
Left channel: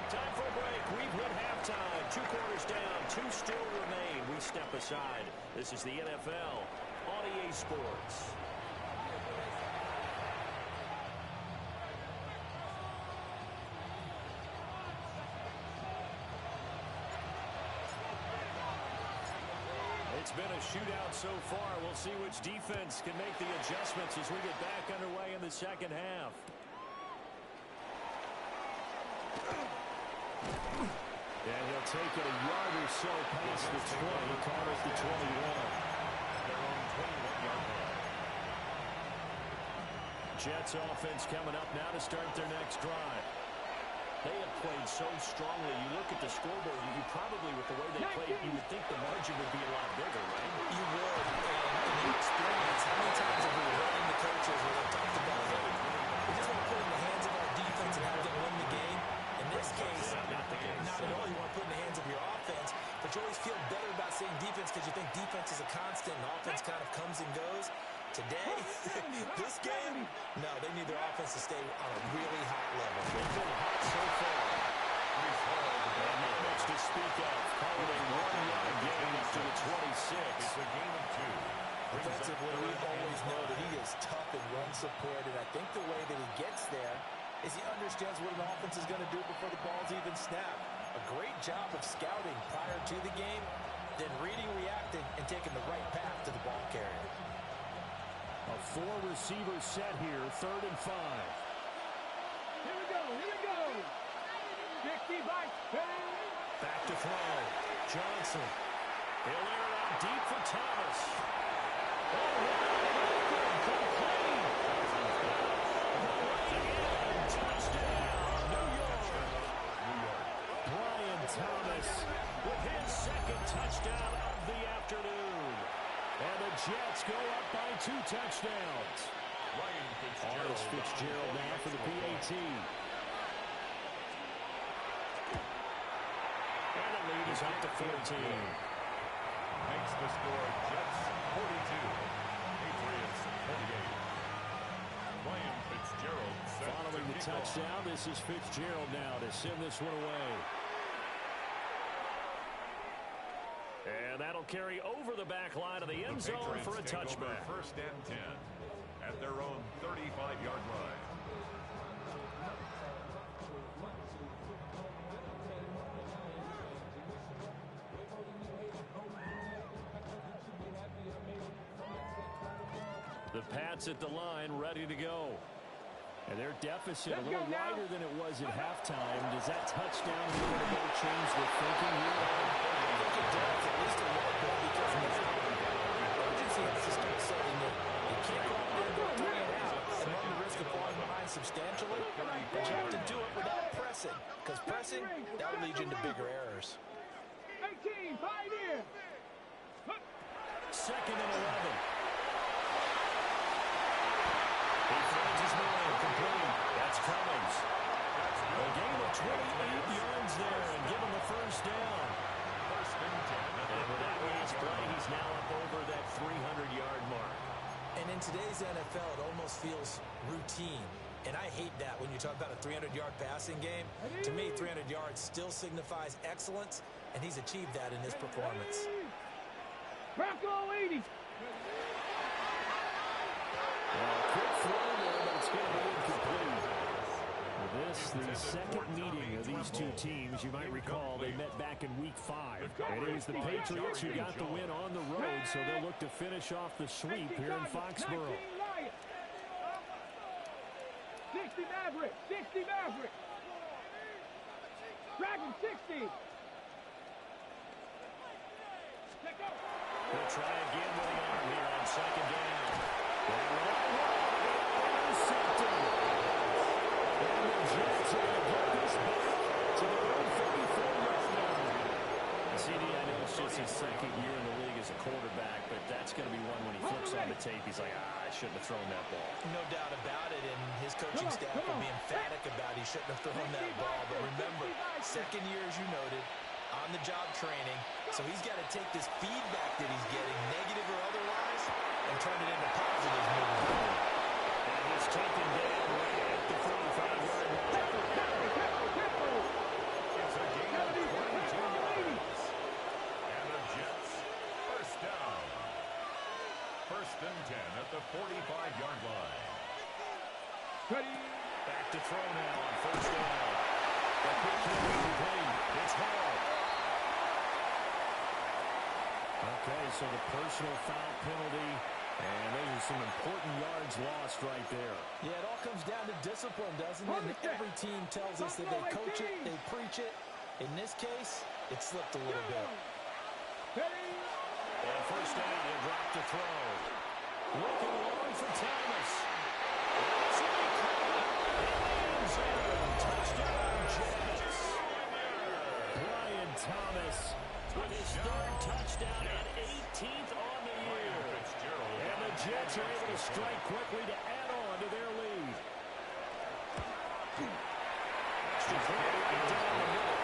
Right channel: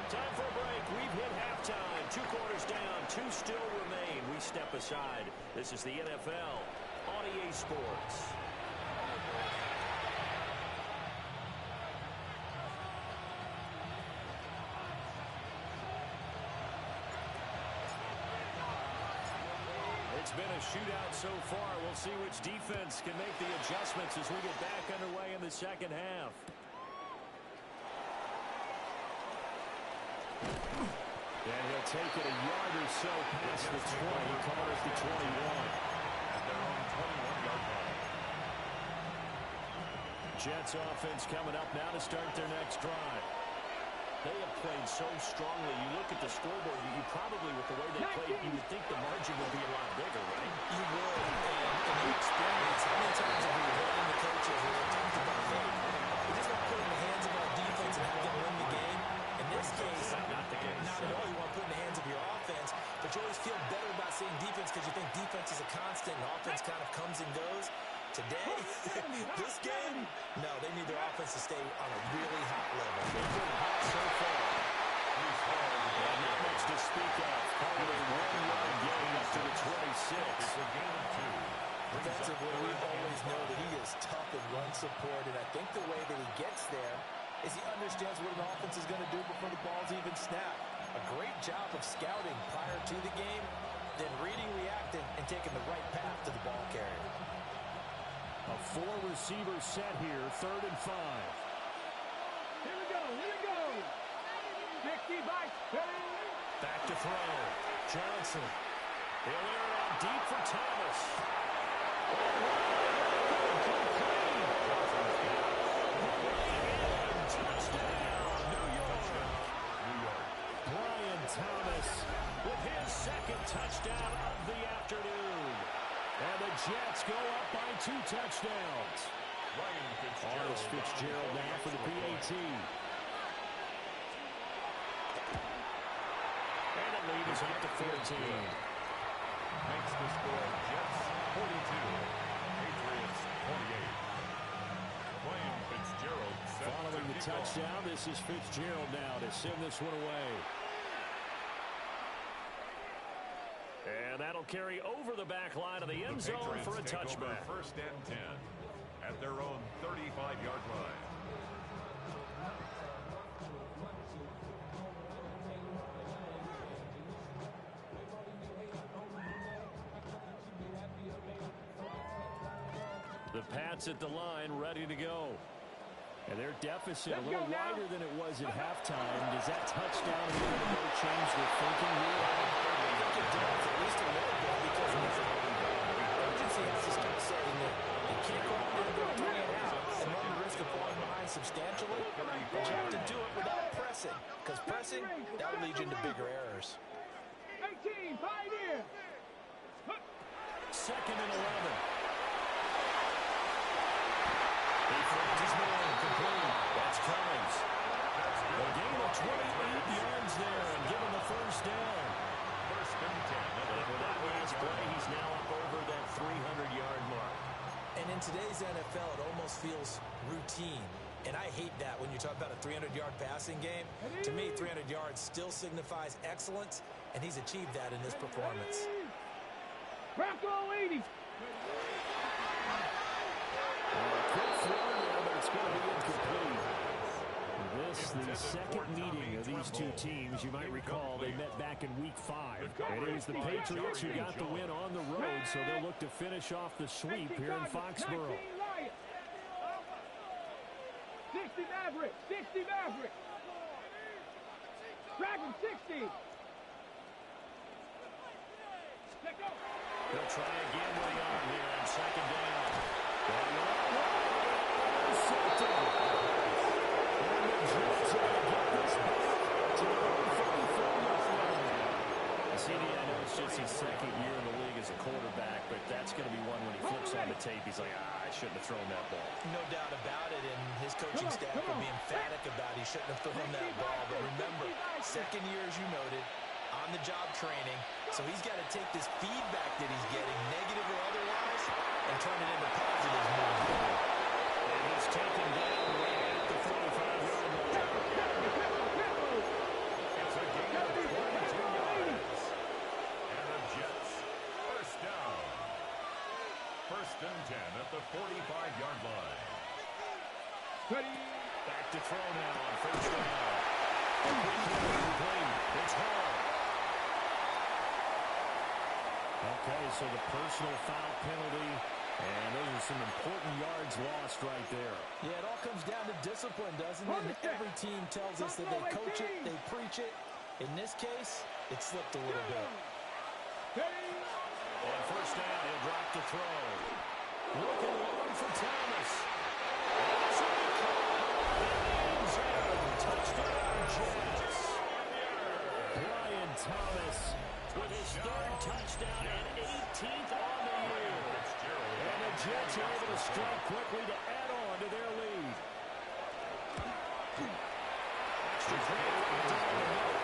Time for a break. We've hit halftime. 2 quarters down, 2 still remain. We step aside. This is the NFL on EA Sports. It's been a shootout so far. We'll see which defense can make the adjustments as we get back underway in the second half. And he'll take it a yard or so past the 20, caught at the 21. At their own 21-yard line. Jets offense coming up now to start their next drive. They have played so strongly. You look at the scoreboard, you probably, with the way they played, you would think the margin would be a lot bigger, right? You would. And in your experience, how many times have we run into coaches where they've talked about, hey, we just want to put it in the hands of our defense and have them win the game? In this case, not the case. Not at all. You want to put it in the hands of your offense, but you always feel better about saying defense because you think defense is a constant and offense kind of comes and goes. Today, this game, no, they need their offense to stay on a really hot level. They've been hot so far. And not much to speak of. Calling a 1-yard gain up to the 26. It's a gain of 2. Defensively, we always know that he is tough in run support, and I think the way that he gets there is he understands what an offense is going to do before the ball's even snapped. A great job of scouting prior to the game, then reading, reacting, and taking the right path to the ball carrier. A 4-receiver set here, 3rd and 5. Here we go. 60 by 10. Back to throw. Johnson. He'll air it out deep for Thomas. Oh, wow. Complete. Johnson's got it. Touchdown. New York. Brian Thomas with his 2nd touchdown of the afternoon. And the Jets go up by 2 touchdowns. Artis Fitzgerald now for the PAT. And the lead is up to 14. Makes the score Jets 42, Patriots 28. Ryan Fitzgerald set Following the touchdown, this is Fitzgerald now to send this one away. And that'll carry over the back line of the end zone for a touchback. 1st and 10 at their own 35-yard line. The Pats at the line, ready to go. And their deficit a little wider than it was at halftime. Does that touchdown a minute ago change the thinking here? I think it does, at least a little bit, because the urgency has to start setting in. You can't go out there and go 3 and out and run the risk of falling behind substantially. But you have to do it without pressing, because pressing, that will lead you into bigger errors. 18, Pioneer. 2nd and 11. He finds his man, complete. That's Cummings. A gain of 28 yards there and give him the 1st down. 1st and 10. And with that last play, he's now up over that 300-yard mark. And in today's NFL, it almost feels routine. And I hate that when you talk about a 300-yard passing game. To me, 300 yards still signifies excellence, and he's achieved that in his performance. Bronco 80. Quick throw there, but it's going to be incomplete. This, the second meeting of these two teams. You might recall they met back in Week 5. And it was the Patriots who got the win on the road, so they'll look to finish off the sweep here in Foxborough. 60 Maverick, 60 Maverick. Dragon 60. He'll try again with the arm here on second down. That one intercepted. And the Jets are going to get this back to their own 34-yard line. CD, I know it's just his second year in the league as a quarterback, but that's going to be one when he flips on the tape. He's like, I shouldn't have thrown that ball. No doubt about it, and his coaching staff will be emphatic about he shouldn't have thrown that ball. But remember, second year, as you noted, on-the-job training, so he's got to take this feedback that he's getting, negative or otherwise, and turn it into positives moving forward. And he's taken down right at the 45-yard line. It's a gain of 22 yards. And the Jets, first down. First and 10 at the 45-yard line. Ready. Back to throw now on first down. A quick hit complete. It's Hall. Okay, so the personal foul penalty, and those are some important yards lost right there. Yeah, it all comes down to discipline, doesn't it? And every team tells us that they coach it, they preach it. In this case, it slipped a little bit. On first down, he'll drop to throw. Looking long for Thomas. And this will be caught in the end zone. Touchdown, Jets. Brian Thomas with his third touchdown and 18th on the year. And the Jets are able to strike quickly to add on to their lead. Extra point right down the middle.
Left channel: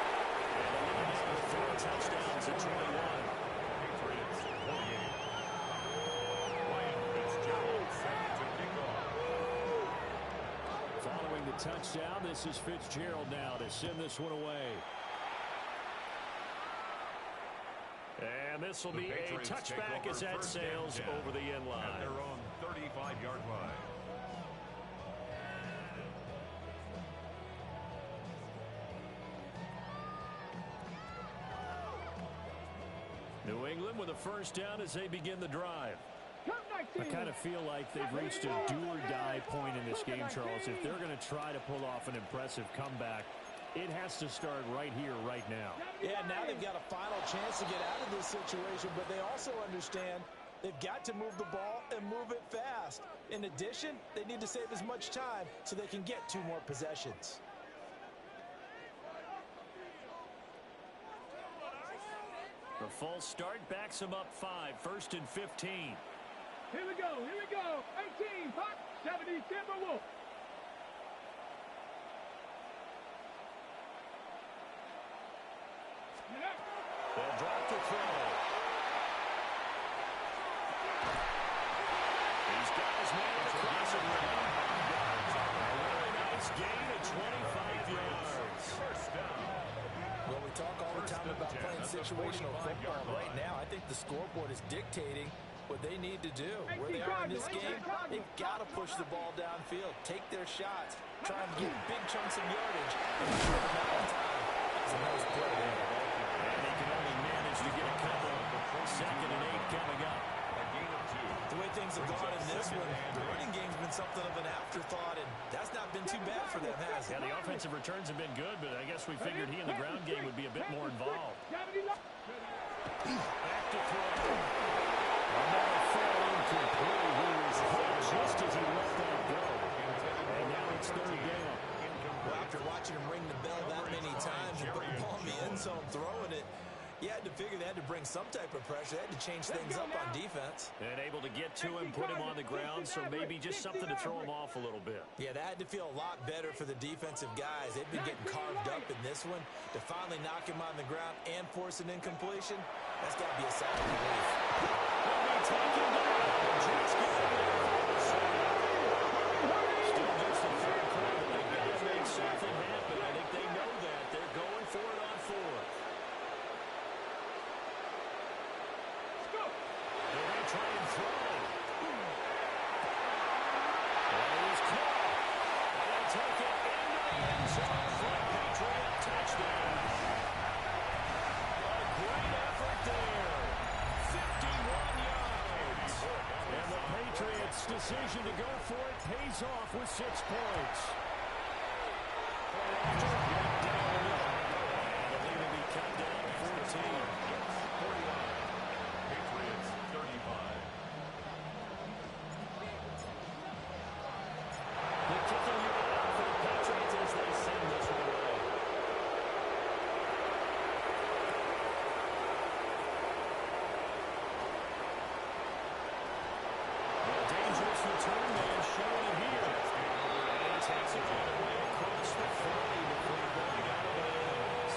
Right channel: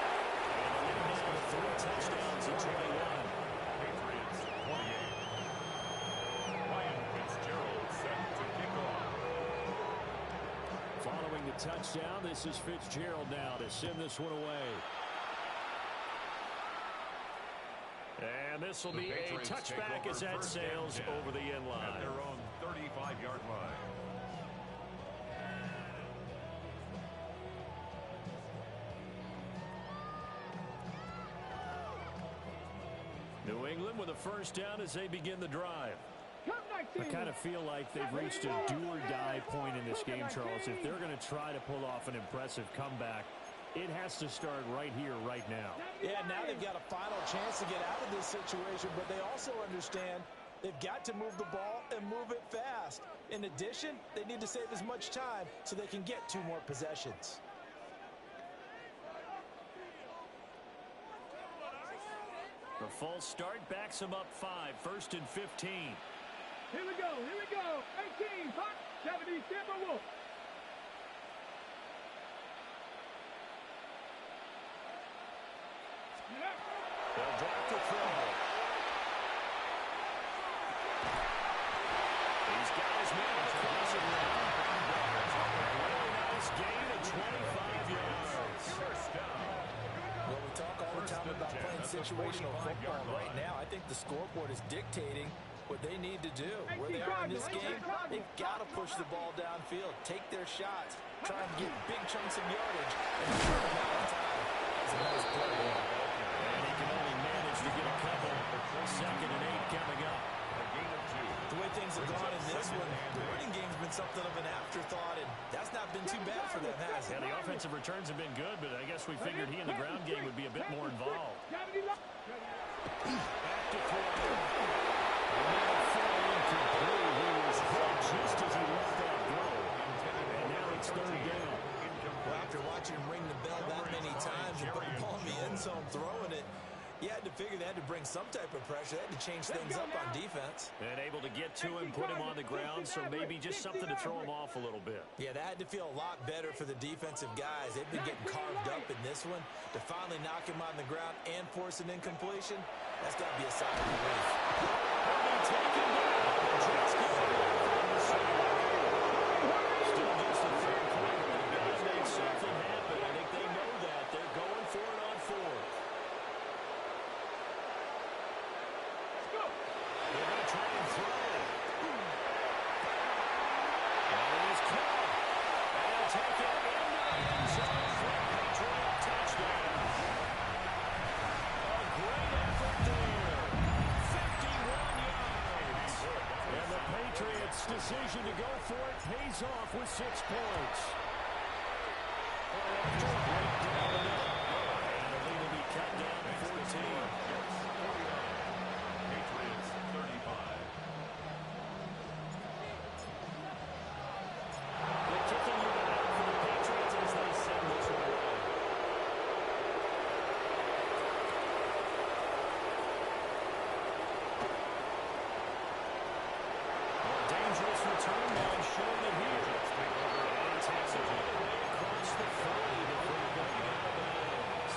And the lead now to 3 touchdowns at 21. Patriots 28. Ryan Fitzgerald set to kick off. Following the touchdown, this is Fitzgerald now to send this one away. And this will be a touchback as that sails over the end line. At their own 35-yard line. New England with a first down as they begin the drive. I kind of feel like they've reached a do-or-die point in this game, Charles. If they're going to try to pull off an impressive comeback, it has to start right here, right now. Yeah, now they've got a final chance to get out of this situation, but they also understand they've got to move the ball and move it fast. In addition, they need to save as much time so they can get 2 more possessions. The false start backs them up 5, first and 15. Here we go, 18, hot, 70, Timberwolf. They'll drop the throw. He's got his man on the crossing route. A really nice gain of 25 yards. First down. Well, we talk all the time about playing situational football. Right now, I think the scoreboard is dictating what they need to do. Where they are in this game, they've got to push the ball downfield, take their shots, try and get big chunks of yardage in a short amount of time. That's a nice play there. And he can only manage to get a couple. Second and 8 coming up. A gain of 2. The way things have gone in this one, the running game's been something of an afterthought, and that's not been too bad for them, has it? Yeah, the offensive returns have been good, but I guess we figured he in the ground game would be a bit more involved. Back to throw. And that'll fall incomplete. He was hit just as he let that go. And now it's third down. Well, after watching him ring the bell that many times and put the ball in the end zone throwing it, you had to figure they had to bring some type of pressure. They had to change things up on defense. And able to get to him, put him on the ground, so maybe just something to throw him off a little bit. Yeah, that had to feel a lot better for the defensive guys. They've been getting carved up in this one. To finally knock him on the ground and force an incompletion, that's got to be a sign of relief. He'll be taken down. The Jets get him there from the side. Still just the third quarter. They've got to make something happen. I think they know that. They're going for it on 4th. They're going to try and throw. And he's caught. And he'll take it into the end Best decision to go for it pays off with 6 points. Right down the middle. And the lead will be cut down to 14. Jets 49. Patriots 35. The kicking unit out for the Patriots as they send this one away. Dangerous return man showing it here. And he takes it all the way across the 30 before going out of bounds.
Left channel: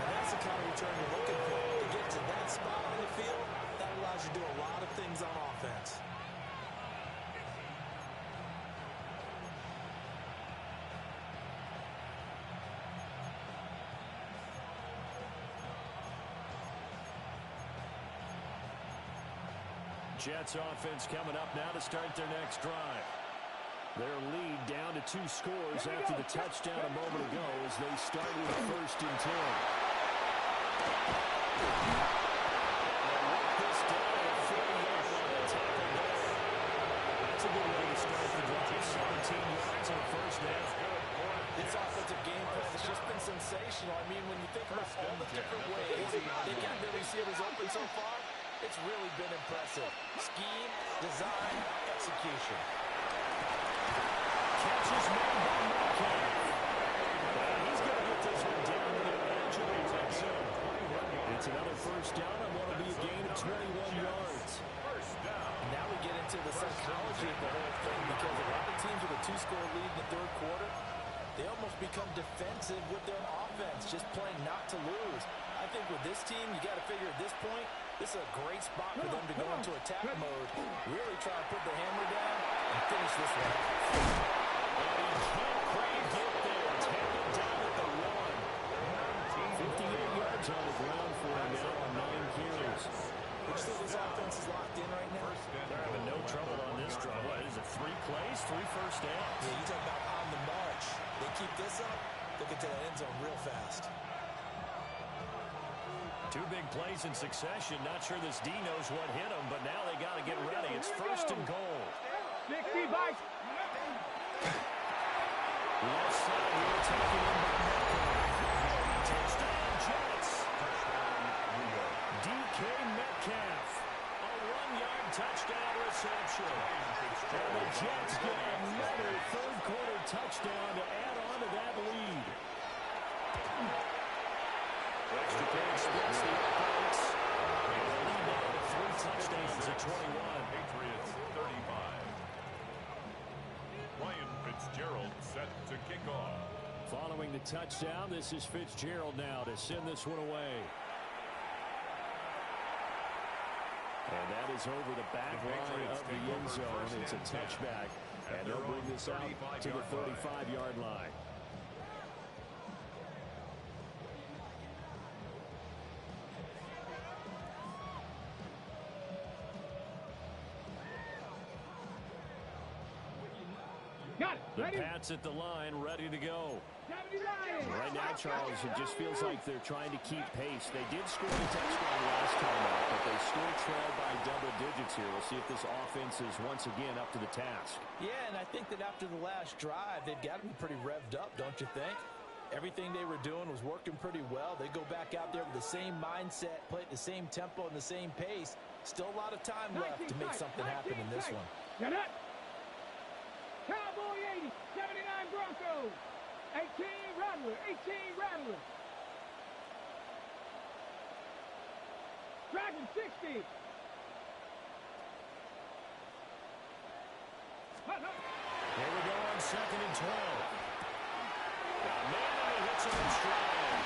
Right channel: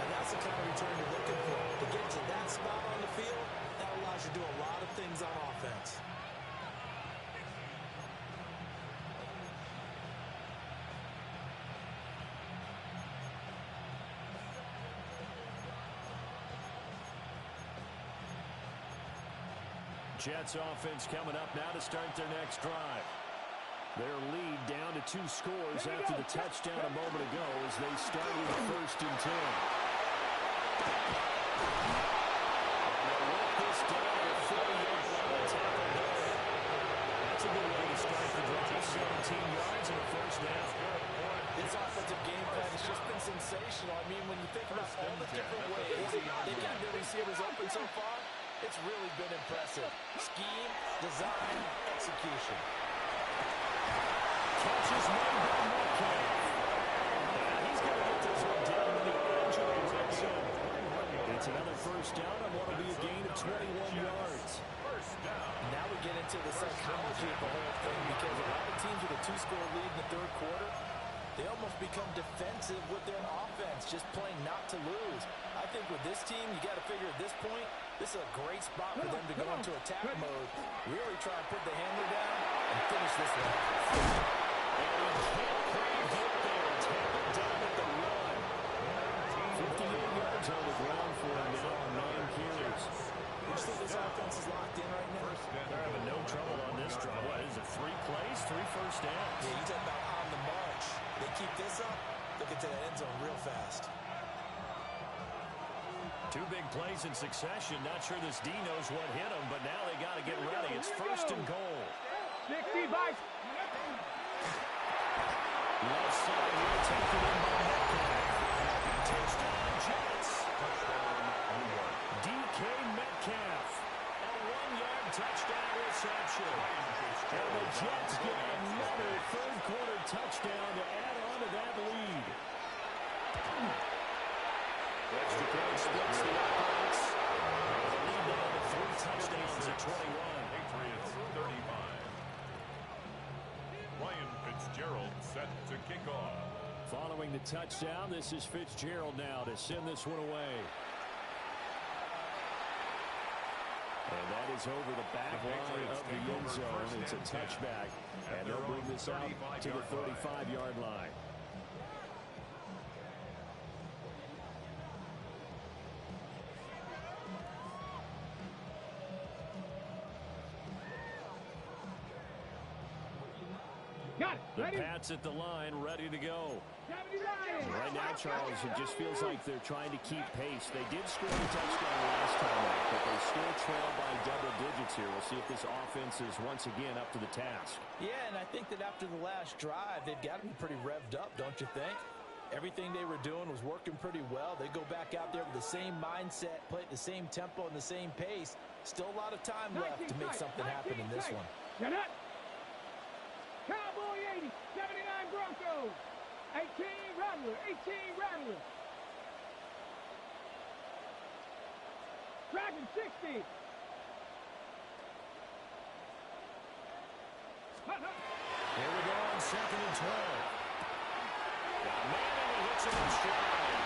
Now that's the kind of return you're looking for. To get to that spot on the field, that allows you to do a lot of things on offense. Jets offense coming up now to start their next drive. Their lead down to 2 scores after the touchdown a moment ago as they start with 1st and 10. And they work this down at a 40-yard line tackle there. That's a good way to start the drive. 17 yards and a 1st down. This offensive game plan has just been sensational. I mean, when you think about all the different ways they've got their receivers open so far, it's really been impressive. Scheme, design, execution. Catch is made by Metcalf. And he's going to get this one down to the edge of the red zone. It's another 1st down on what will be a gain of 21 yards. 1st down. Now we get into the psychology of the whole thing because a lot of teams with a 2-score lead in the 3rd quarter, they almost become defensive with their offense, just playing not to lose. I think with this team, you got to figure at this point, this is a great spot for them to go into attack mode, really try and put the hammer down and finish this one. And he can't quite get there. Tackled down at the 1. 58 yards on the ground for him now on 9 carries. Would you say this offense is locked in right now? They're having no trouble on this drive. What is it, 3 plays, 3 first downs? Yeah, you talk about on the march. They keep this up, they'll get to that end zone real fast. 2 big plays in succession. Not sure this D knows what hit him, but now they got to get ready. It's 1st and goal. 60 by. Left side here, taken in by Metcalf. Touchdown, Jets. Touchdown, New York. DK Metcalf. A 1-yard touchdown reception. And the Jets get another 3rd quarter touchdown to add on to that lead. Extra point splits the offense. And the lead now to 3 touchdowns at 21. Patriots 35. Ryan Fitzgerald set to kick off. Following the touchdown, this is Fitzgerald now to send this one away. And that is over the back line of the end zone. It's a touchback. And they'll bring this out to the 35-yard line. Got it. The Ready? Pats at the line, ready to go. 79. Right now, Charles, it just feels like they're trying to keep pace. They did score a touchdown last time out, but they still trail by double digits here. We'll see if this offense is once again up to the task. Yeah, and I think that after the last drive, they've got to be pretty revved up, don't you think? Everything they were doing was working pretty well. They go back out there with the same mindset, play at the same tempo and the same pace. Still a lot of time left to make something happen in this one. Shut up. Cowboy 80, 79 Broncos. 18 Rattler, 18 Rattler. Dragon 60. Here we go on 2nd and 12. Got a man and he hits him in stride.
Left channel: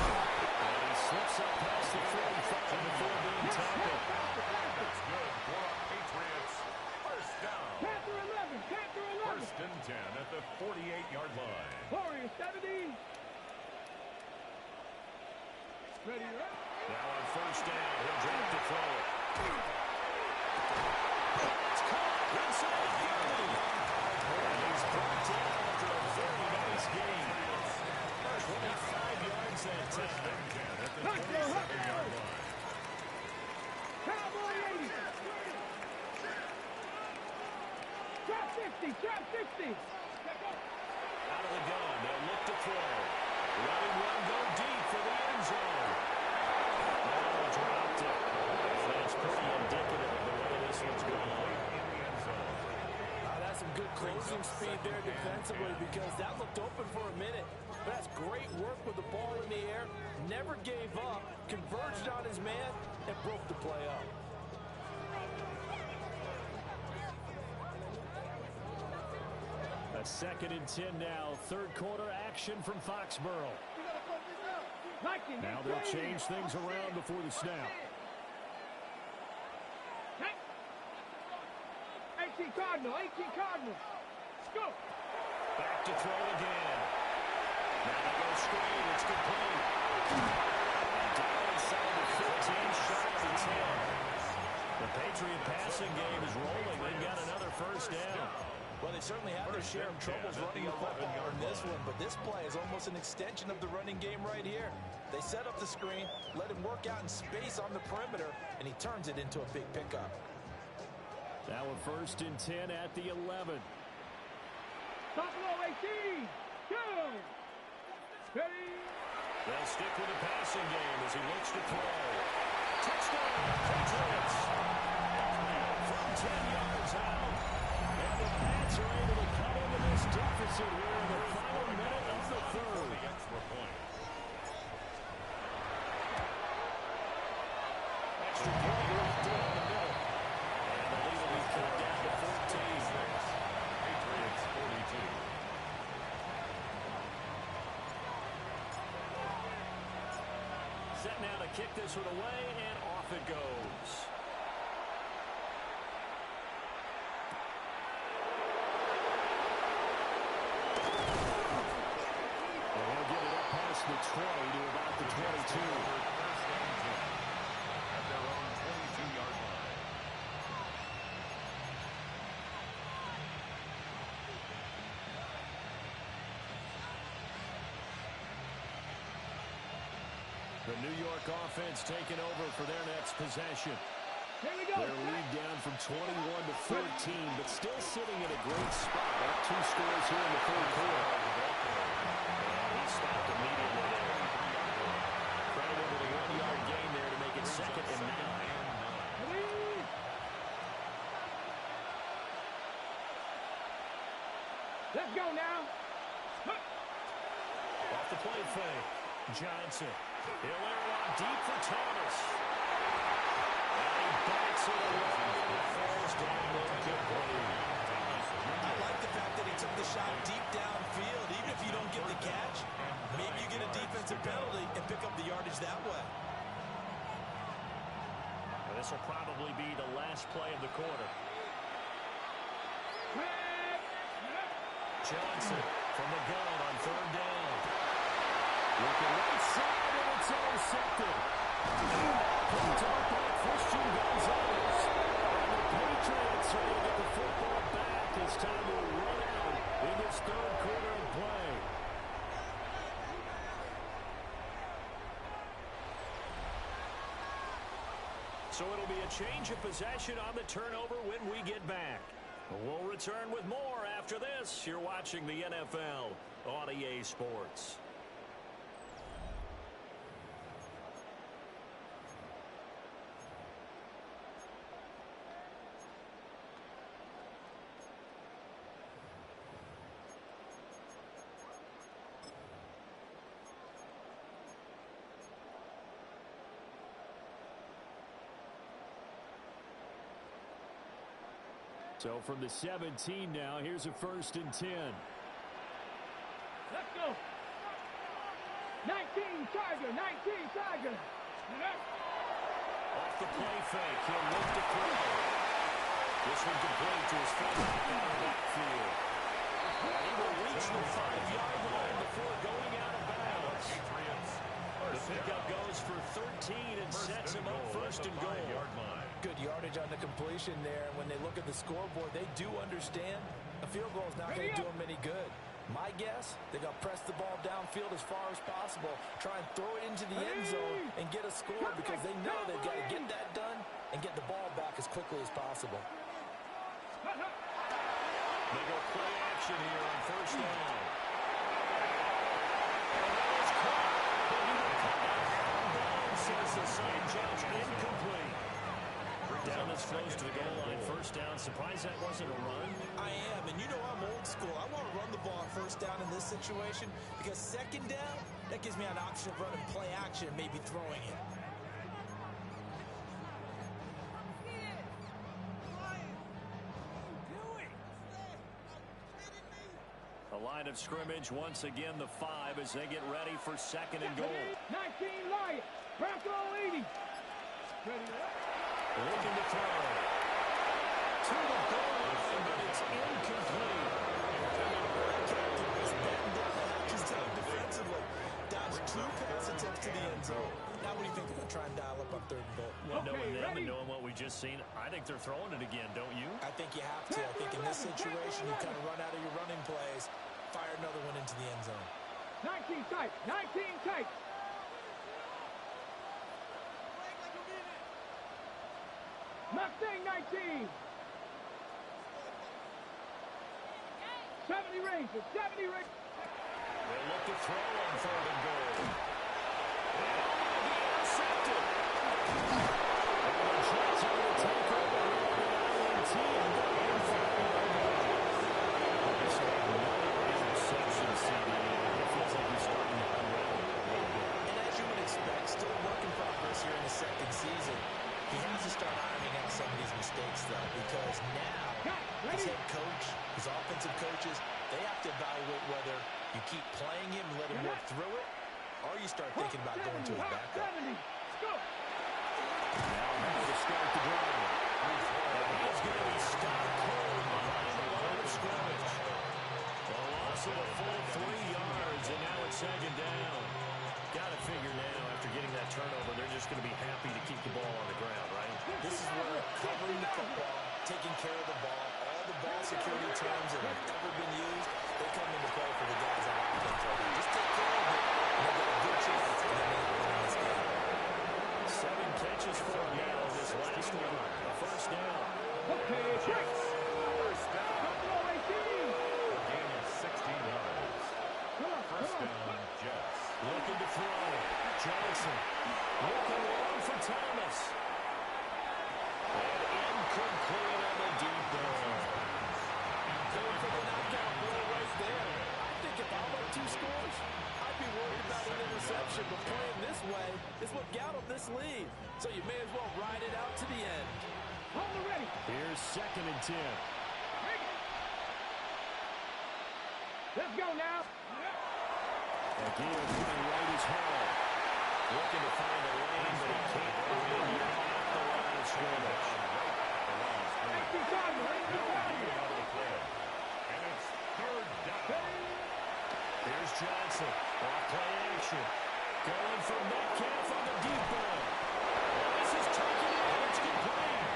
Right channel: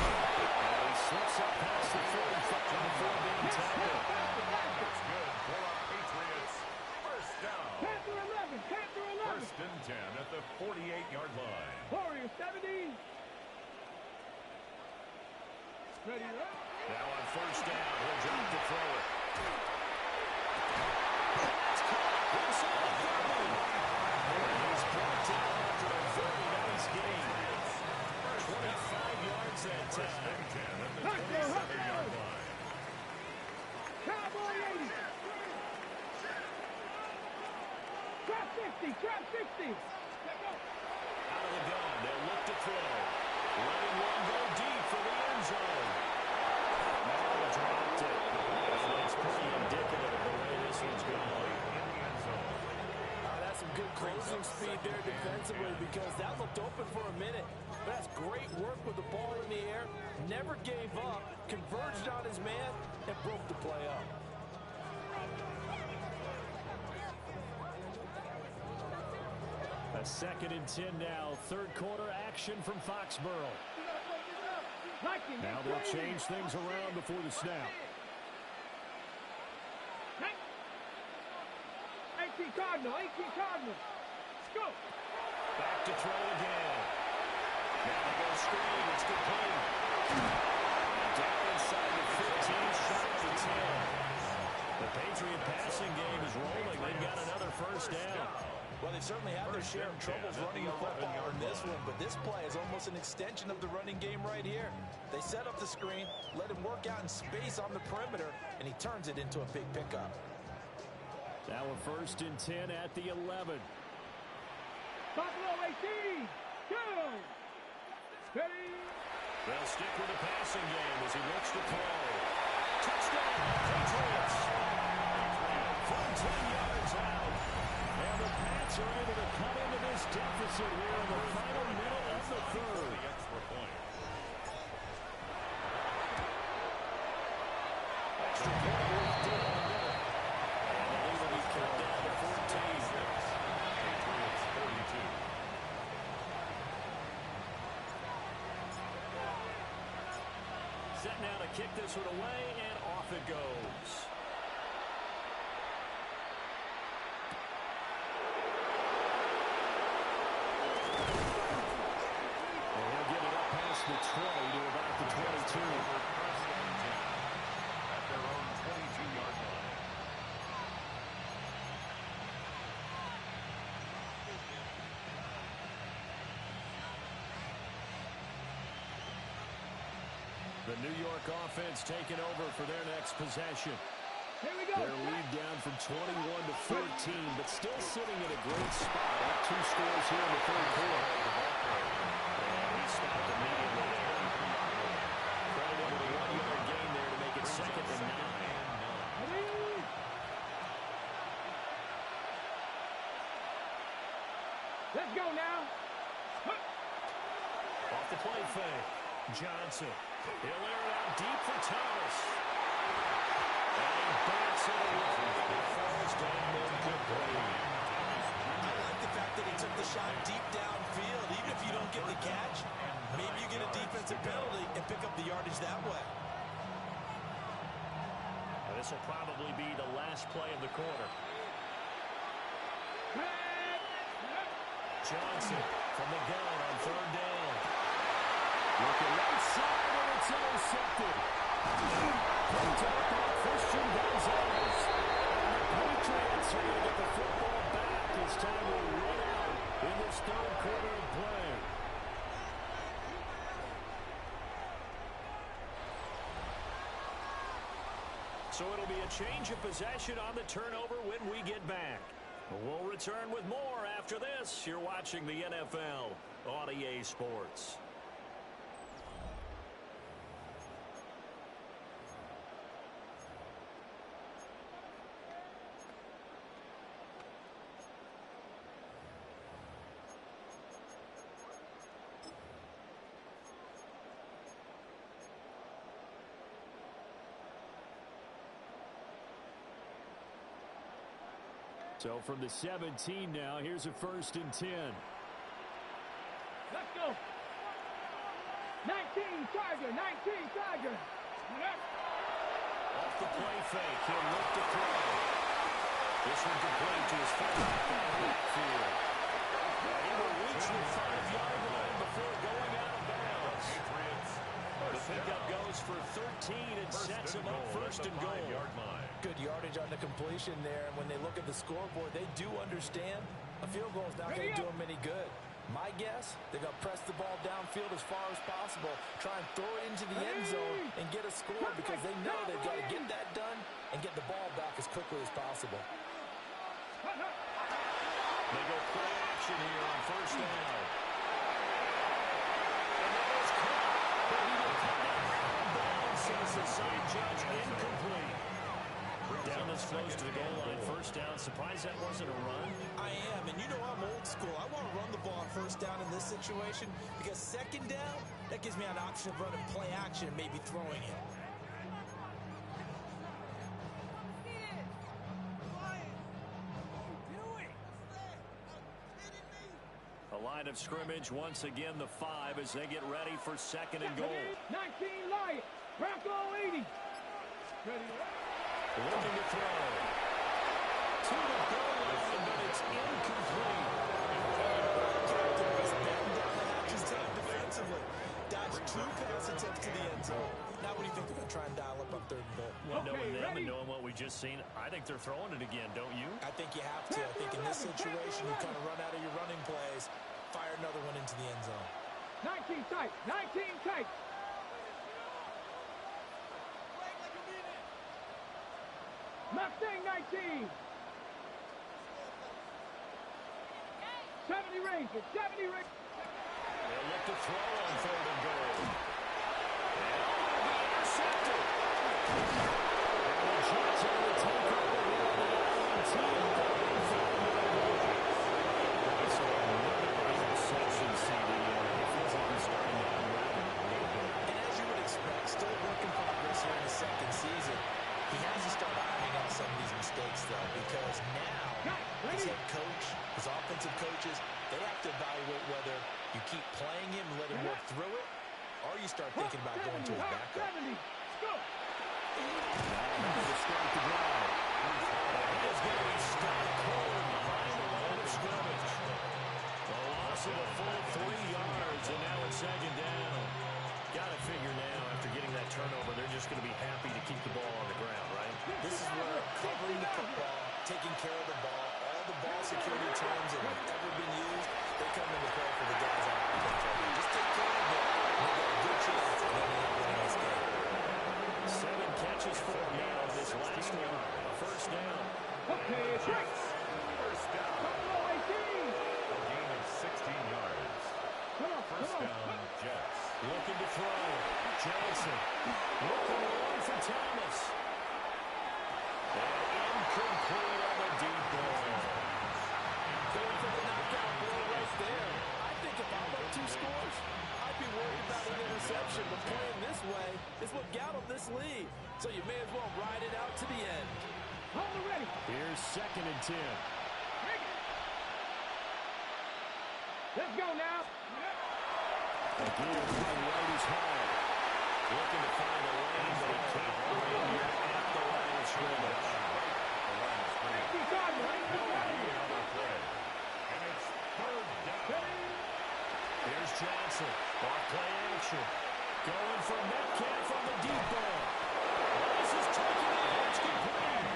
And he slips up past the 45 before being tackled. That's good for our Patriots. 1st down. Panther 11, Panther 11. 1st and 10 at the 48-yard line. Warrior 70. Ready to run. Now on 1st down, he'll drop to throw it. It's caught inside the 30. And he's brought down after a very nice gain. 25 yards that time. 1st and 10 at the 27-yard line. Cowboy 80. 60, trap 60. Out of the gun, they'll look to throw. Letting one go deep for the end zone. Oh, dropped it. And that's pretty indicative of the way this one's going. In the end zone. That's some good closing speed there defensively because that looked open for a minute. But that's great work with the ball in the air. Never gave up, converged on his man, and broke the play up. A 2nd and 10 now. Third quarter action from Foxborough. Now they'll change things around before the snap. 18 Cardinal, 18 Cardinal. Let's go. Back to throw again. Now they go screen. It's complete. And down inside the 15, shy of the 10. The Patriot passing game is rolling. They've got another first down. Well, they certainly have their share of troubles running the football in this one, but this play is almost an extension of the running game right here. They set up the screen, let him work out in space on the perimeter, and he turns it into a big pickup. Now a 1st and 10 at the 11. Buffalo 18. Go. Ready. They'll stick with the passing game as he looks to throw. Touchdown, Patriots. From 10 yards out. And the Pats are able to cut into this deficit here in the final minute of the third. The extra point. Extra point left in on the middle. And the lead will be cut down to 14. Patriots 42. Set now to kick this one away, and off it goes. And he'll get it up past the 20 to about the 22. 1st and 10 at their own 22-yard line. The New York offense taking over for their next possession. Here we go. Their lead down from 21 to 14, but still sitting in a great spot. Up 2 scores here in the third quarter. And he stopped immediately there. Credit him with a 1-yard gain there to make it 2nd and 9. Let's go now. Off the play fake. Johnson. He'll air it out deep for Thomas. And he bats it away, and it falls down incomplete. I like the fact that he took the shot deep downfield. Even if you don't get the catch, maybe you get a defensive penalty and pick up the yardage that way. Now, this will probably be the last play of the quarter. Johnson from the gun on 3rd down. Looking right side, and it's intercepted. Picked up by Christian Gonzalez. And the Patriots are going to get the football back. It's time to run out in this third quarter of play. So it'll be a change of possession on the turnover when we get back. We'll return with more after this. You're watching the NFL on EA Sports. So from the 17 now, here's a 1st and 10. Let's go. 19 Tiger, 19 Tiger. Off the play fake, he'll look to throw. This one complete to his fullback out of the backfield. And he will reach the 5-yard line before going out of bounds. The pickup goes for 13 and sets him up 1st and goal. Good yardage on the completion there, and when they look at the scoreboard, they do understand a field goal is not going to do them any good. My guess, they're going to press the ball downfield as far as possible, try and throw it into the end zone and get a score because they know they've got to get that done and get the ball back as quickly as possible. They go play action here on first down. And that is caught, but he will come down out of bounds, says the sign judge, incomplete. Down this close to the goal line, first down. Surprised that wasn't a run? I am, and you know I'm old school. I want to run the ball on first down in this situation because second down, that gives me an option of running play action and maybe throwing it. A line of scrimmage, once again the 5 as they get ready for second and goal. 19 Lions, Bronco 80. Ready. Looking to throw. To the goal line, but it's incomplete. Captain was batting down the hatches tough defensively. Dodged 2 pass attempts to the end zone. Now what do you think they're going to try and dial up on third and goal? Well, knowing them and knowing what we just seen, I think they're throwing it again, don't you? I think you have to. I think in this situation, you kind of run out of your running plays, fire another one into the end zone. 19 tight, 19 tight. Mustang 19. 70 Rangers, 70 Rangers. They'll look to throw on third and goal. And will be intercepted. And the Jets are going to take over here on the INT and go in 5-yard line. So another interception, CD. It feels like he's starting to unravel a little bit. And as you would expect, still a work in progress here in his second season. He has to start ironing out some of these mistakes, though, because now his head coach, his offensive coaches, they have to evaluate whether you keep playing him and let him work through it, or you start thinking about going to his backup. Now to start the drive. And he is going to be stopped cold behind the line of scrimmage. A loss of a full 3 yards, and now it's second down. Got to figure now, after getting that turnover, they're just going to be happy to keep the ball on the ground, right? This is where covering the football, taking care of the ball, all the ball security terms that have ever been used, they come into play for the guys on offense right now. Just take care of it, and they get a good chance, and then they end up winning this game. 7 catches for him now. This last one, a first down. Okay, Jets. First down. Buffalo 18. A gain of 16 yards. First down, Jets. Looking to throw. Johnson. Looking long for Thomas. And incomplete on the deep ball. Going for the knockout blow right there. I think if I'm up 2 scores, I'd be worried about an interception, but playing this way is what got them this lead. So you may as well ride it out to the end. Hold the ready. Here's second and 10. Let's go now. Again, running right is Hall. Looking to find a lane, but he can't win here at the line of scrimmage. Right at the line of scrimmage. No need on the play. And it's third down. Here's Johnson. Off play action. Going for Metcalf on the deep ball. Well, this is taken in. It's complete.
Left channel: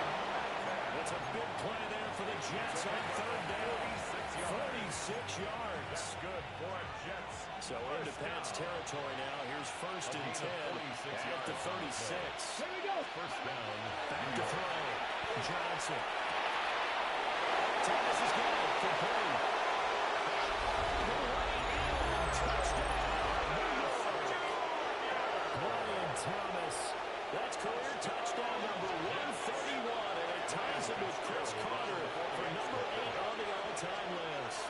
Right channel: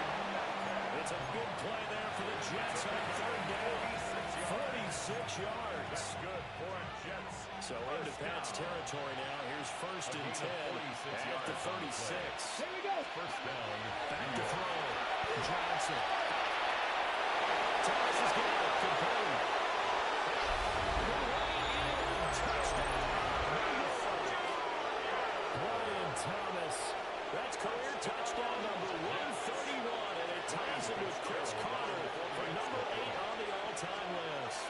It's a big play there for the Jets on third down. 36 yards. That's good for Jets. So into Pat's territory now. Here's first and 10 at the 36. Here we go. First down. Back to throw. Johnson. Thomas has got it. Complete. Way in. Touchdown. Brian Thomas. That's career touchdown number 131, and it ties him with Chris Carter for number 8 on the all-time list.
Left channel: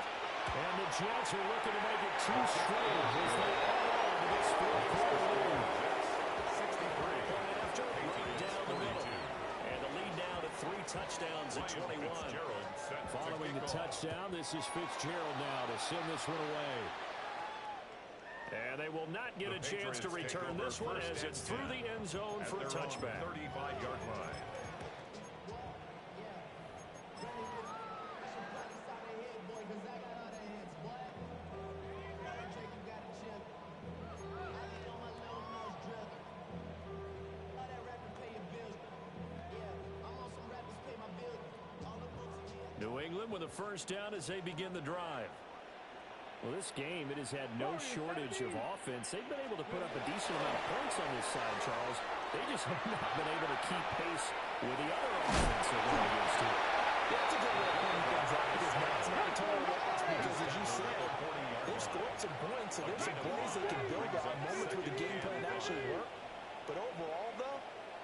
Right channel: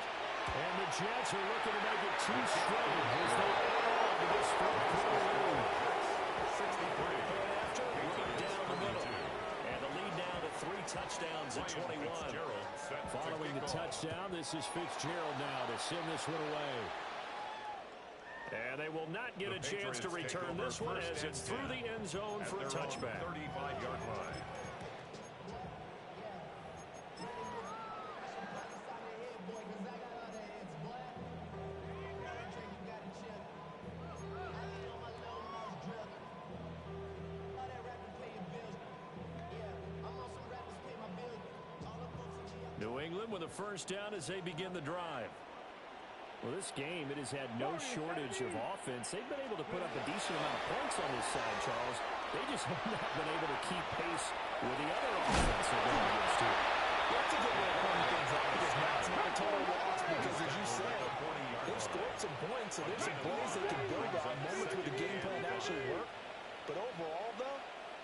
And the Jets are looking to make it 2 straight as they add on to this fourth-quarter lead. 63. Point after, right down the middle. And the lead now to 3 touchdowns at 21. Following the touchdown, this is Fitzgerald now to send this one away. And they will not get a chance to return this one as it's through the end zone for a touchback. 35-yard line. New England with a first down as they begin the drive. Well, this game, it has had no shortage of offense. They've been able to put up a decent amount of points on this side, Charles. They just have not been able to keep pace with the other offense they're going against here. Yeah, that's a good way of pointing things out because now it's not a total loss because, as you said, they've scored some points, so there's some plays they can build on, moments where the game plan actually worked. But overall, though,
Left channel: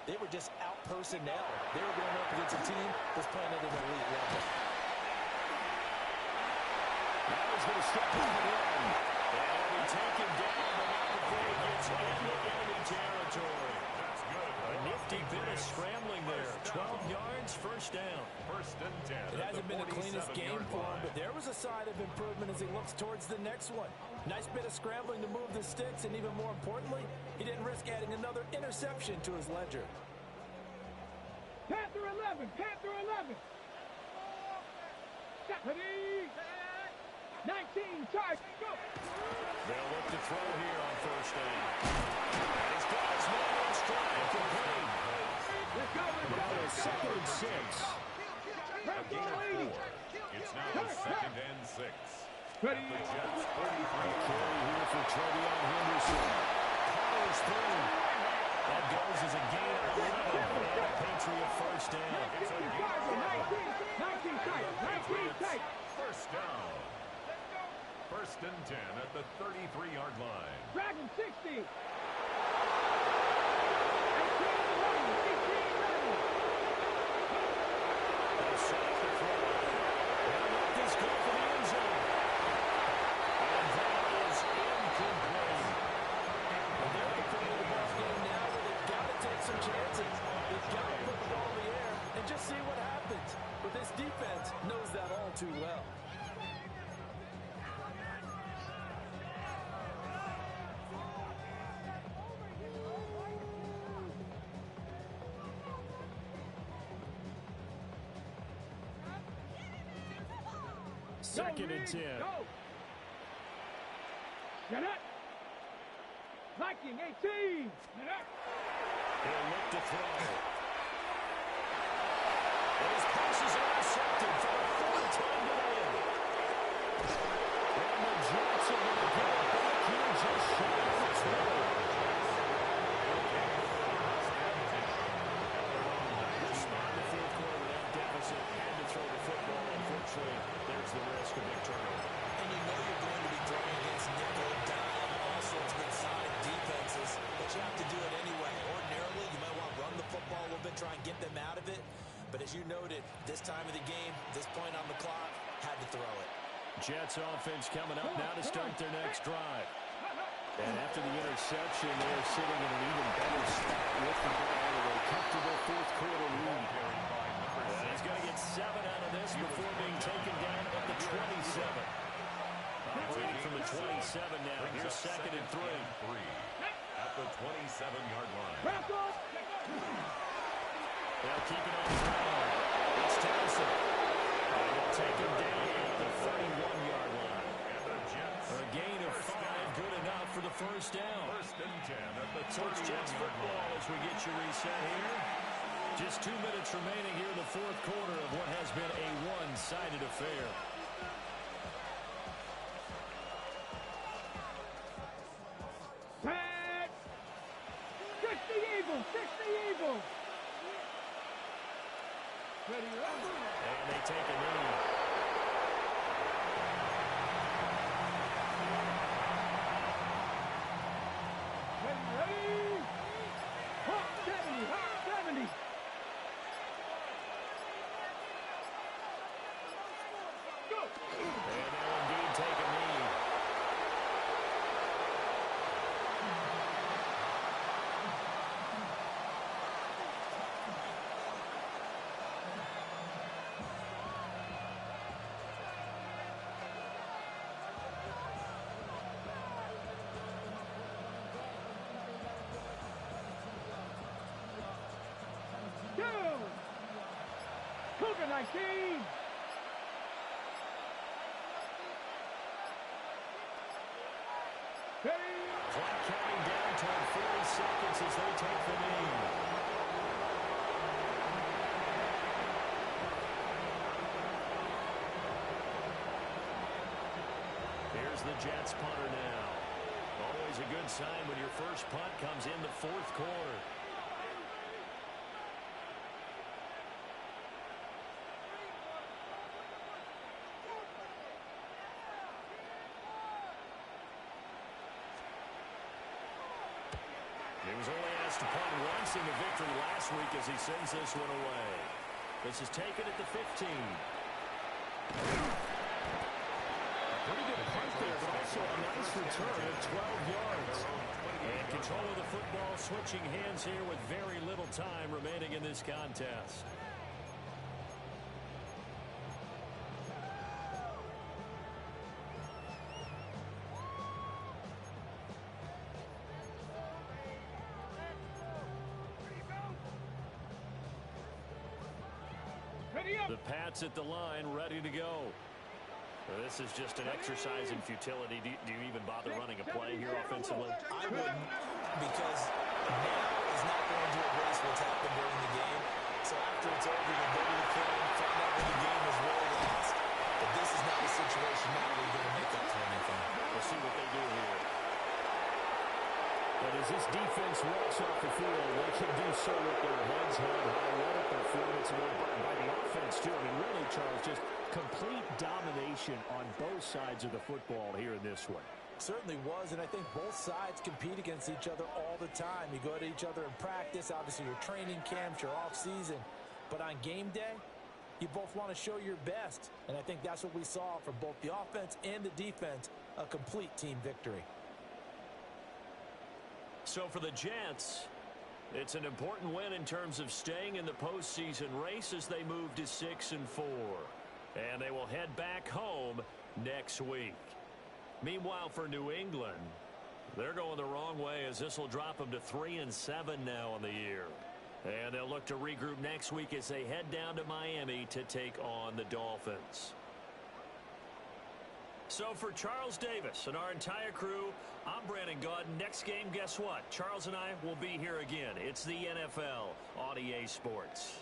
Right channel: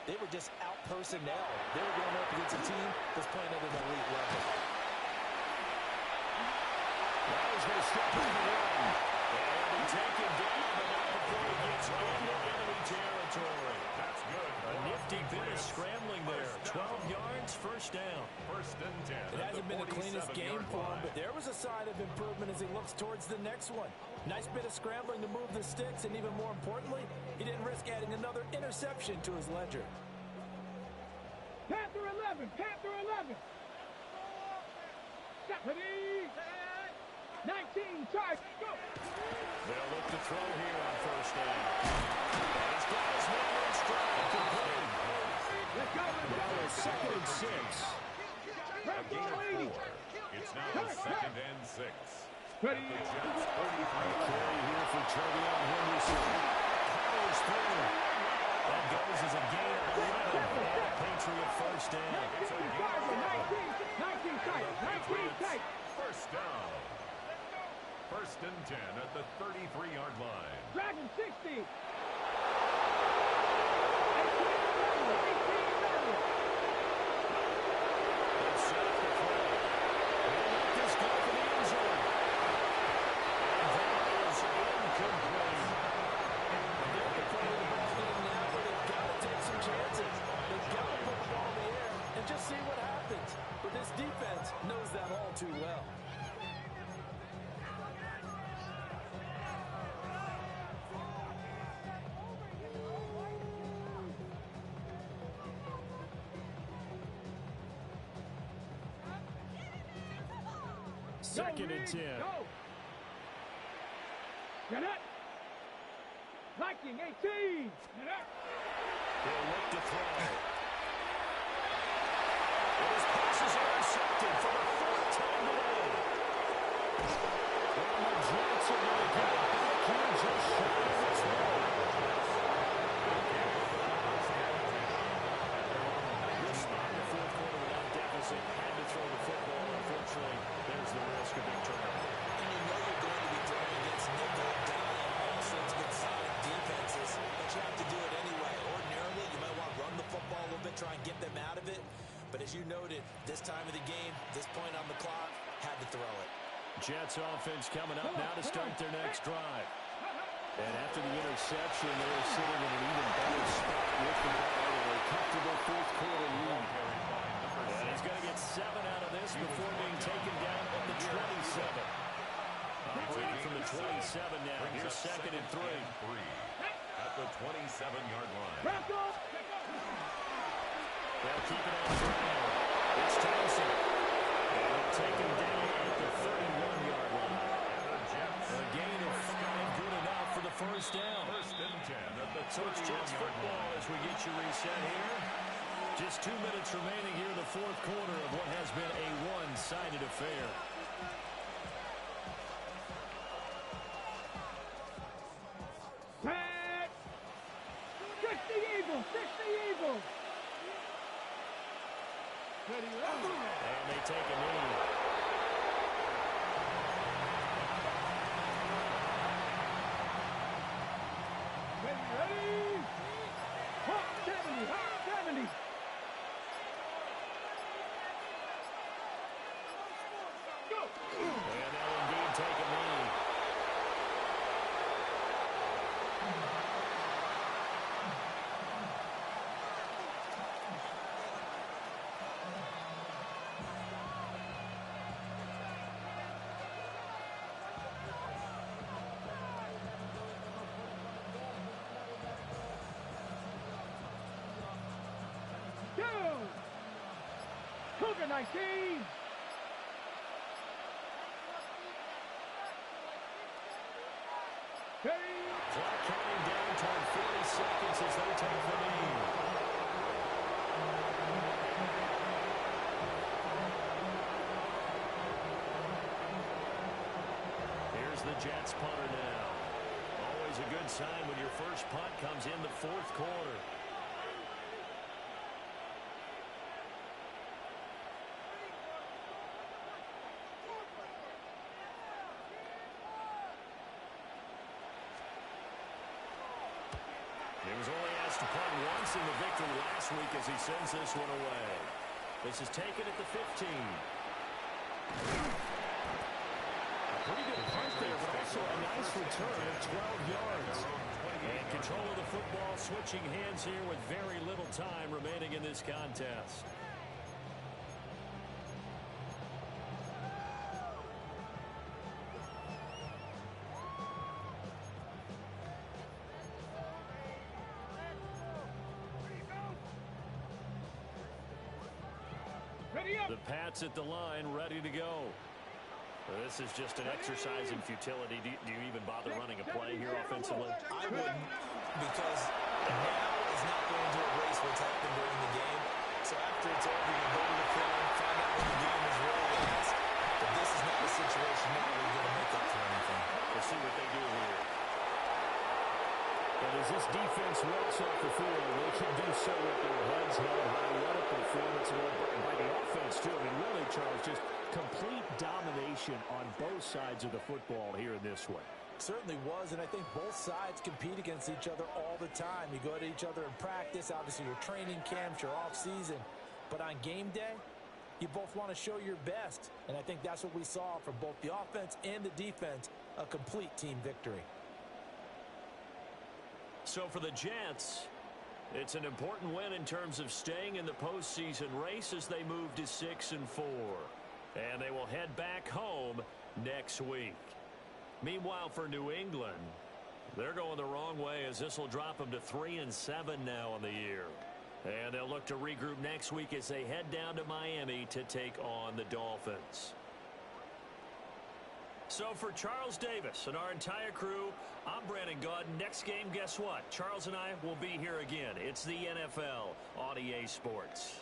they were just out personnel. They were going up against a team that's playing at an elite level. Now he's going to step on the run. And he'll be taken down, but not before he gets into enemy territory. That's good. A nifty bit of scrambling there. 12 yards, first down. First and 10. It hasn't been the cleanest game for him, but there was a sign of improvement as he looks towards the next one. Nice bit of scrambling to move the sticks, and even more importantly, he didn't risk adding another interception to his ledger. Panther 11, Panther 11. Ready? 19, charge, go. They'll look to throw here on first down. And he's got his man in stride, complete. Let's go, Now a second and 6. Let's go, ladies. It's now second and 6. Ready? The Jets 43. Carry here for Trevion Henderson. Powers through. That goes as a gain of 11 and a Patriot first down. 19 tight, 19 tight. First down. First and 10 at the 33-yard line. Dragon 60. 18 11, 18 11. They set up the throw. They'll let this go for the end zone. And that is incomplete. And they're at the point of the ball game now where they've got to take some chances. They've got to put the ball in the air and just see what happens. But this defense knows that all too well. Second and 10. Go. Get up. Viking 18. Get up. He'll look to throw. And his pass is intercepted for the fourth time today. And the Jets are going to get it back here just shy of the 12. This spot in the fourth quarter without deficit had to throw the football. Unfortunately, there's the risk of big turnover. And you know you're going to be throwing against nickel, dime, all sorts of exotic defenses, but you have to do it anyway. Ordinarily, you might want to run the football a little bit, try and get them out of it. But as you noted, this time of the game, this point on the clock, had to throw it. Jets offense coming up now to start their next drive. And after the interception, they're sitting in an even better spot with the ball with a comfortable fourth quarter lead. And he's going to get 7 out of this before being taken down at the 27. Operating from the 27 now. Here's second and 3. At the 27-yard line. They'll keep it on the ground. It's Townsend. And they'll take him down at the 31-yard line. And the Jets. A gain of 5, good enough for the first down. First and 10 at the 31-yard line. So it's Jets football as we get you reset here. Just 2 minutes remaining here in the fourth quarter of what has been a one-sided affair. Pat! 60 Eagles! 60 Eagles! Ready, And they take a knee. ready! Hawk 70! Hawk 70! Go! And they'll indeed take a knee. Go! Cougar 19! Ready? Clock counting down toward 40 seconds as they take the knee. Here's the Jets punter now. Always a good sign when your first punt comes in the fourth quarter. He was only asked to punt once in the victory last week as he sends this one away. This is taken at the 15. A pretty good punt there, but also a nice return of 12 yards. And control of the football switching hands here with very little time remaining in this contest. The Pats at the line, ready to go. This is just an exercise in futility. Do you even bother running a play here offensively? I wouldn't, because now is not going to erase what's happened during the game. So after it's over, you'll go to the film, find out when the game was really lost. But this is not a situation now where you're going to make up for anything. We'll see what they do here. And as this defense walks off the field, they can do so with their heads held high. What a performance by the offense, too. I mean, really, Charles, just complete domination on both sides of the football here in this one. Certainly was, and I think both sides compete against each other all the time. You go to each other in practice, obviously your training camps, your off-season. But on game day, you both want to show your best. And I think that's what we saw from both the offense and the defense, a complete team victory. So for the Jets, it's an important win in terms of staying in the postseason race as they move to 6-4. And they will head back home next week. Meanwhile, for New England, they're going the wrong way as this will drop them to 3-7 now on the year. And they'll look to regroup next week as they head down to Miami to take on the Dolphins. So for Charles Davis and our entire crew, I'm Brandon Gaudin. Next game, guess what? Charles and I will be here again. It's the NFL on EA Sports.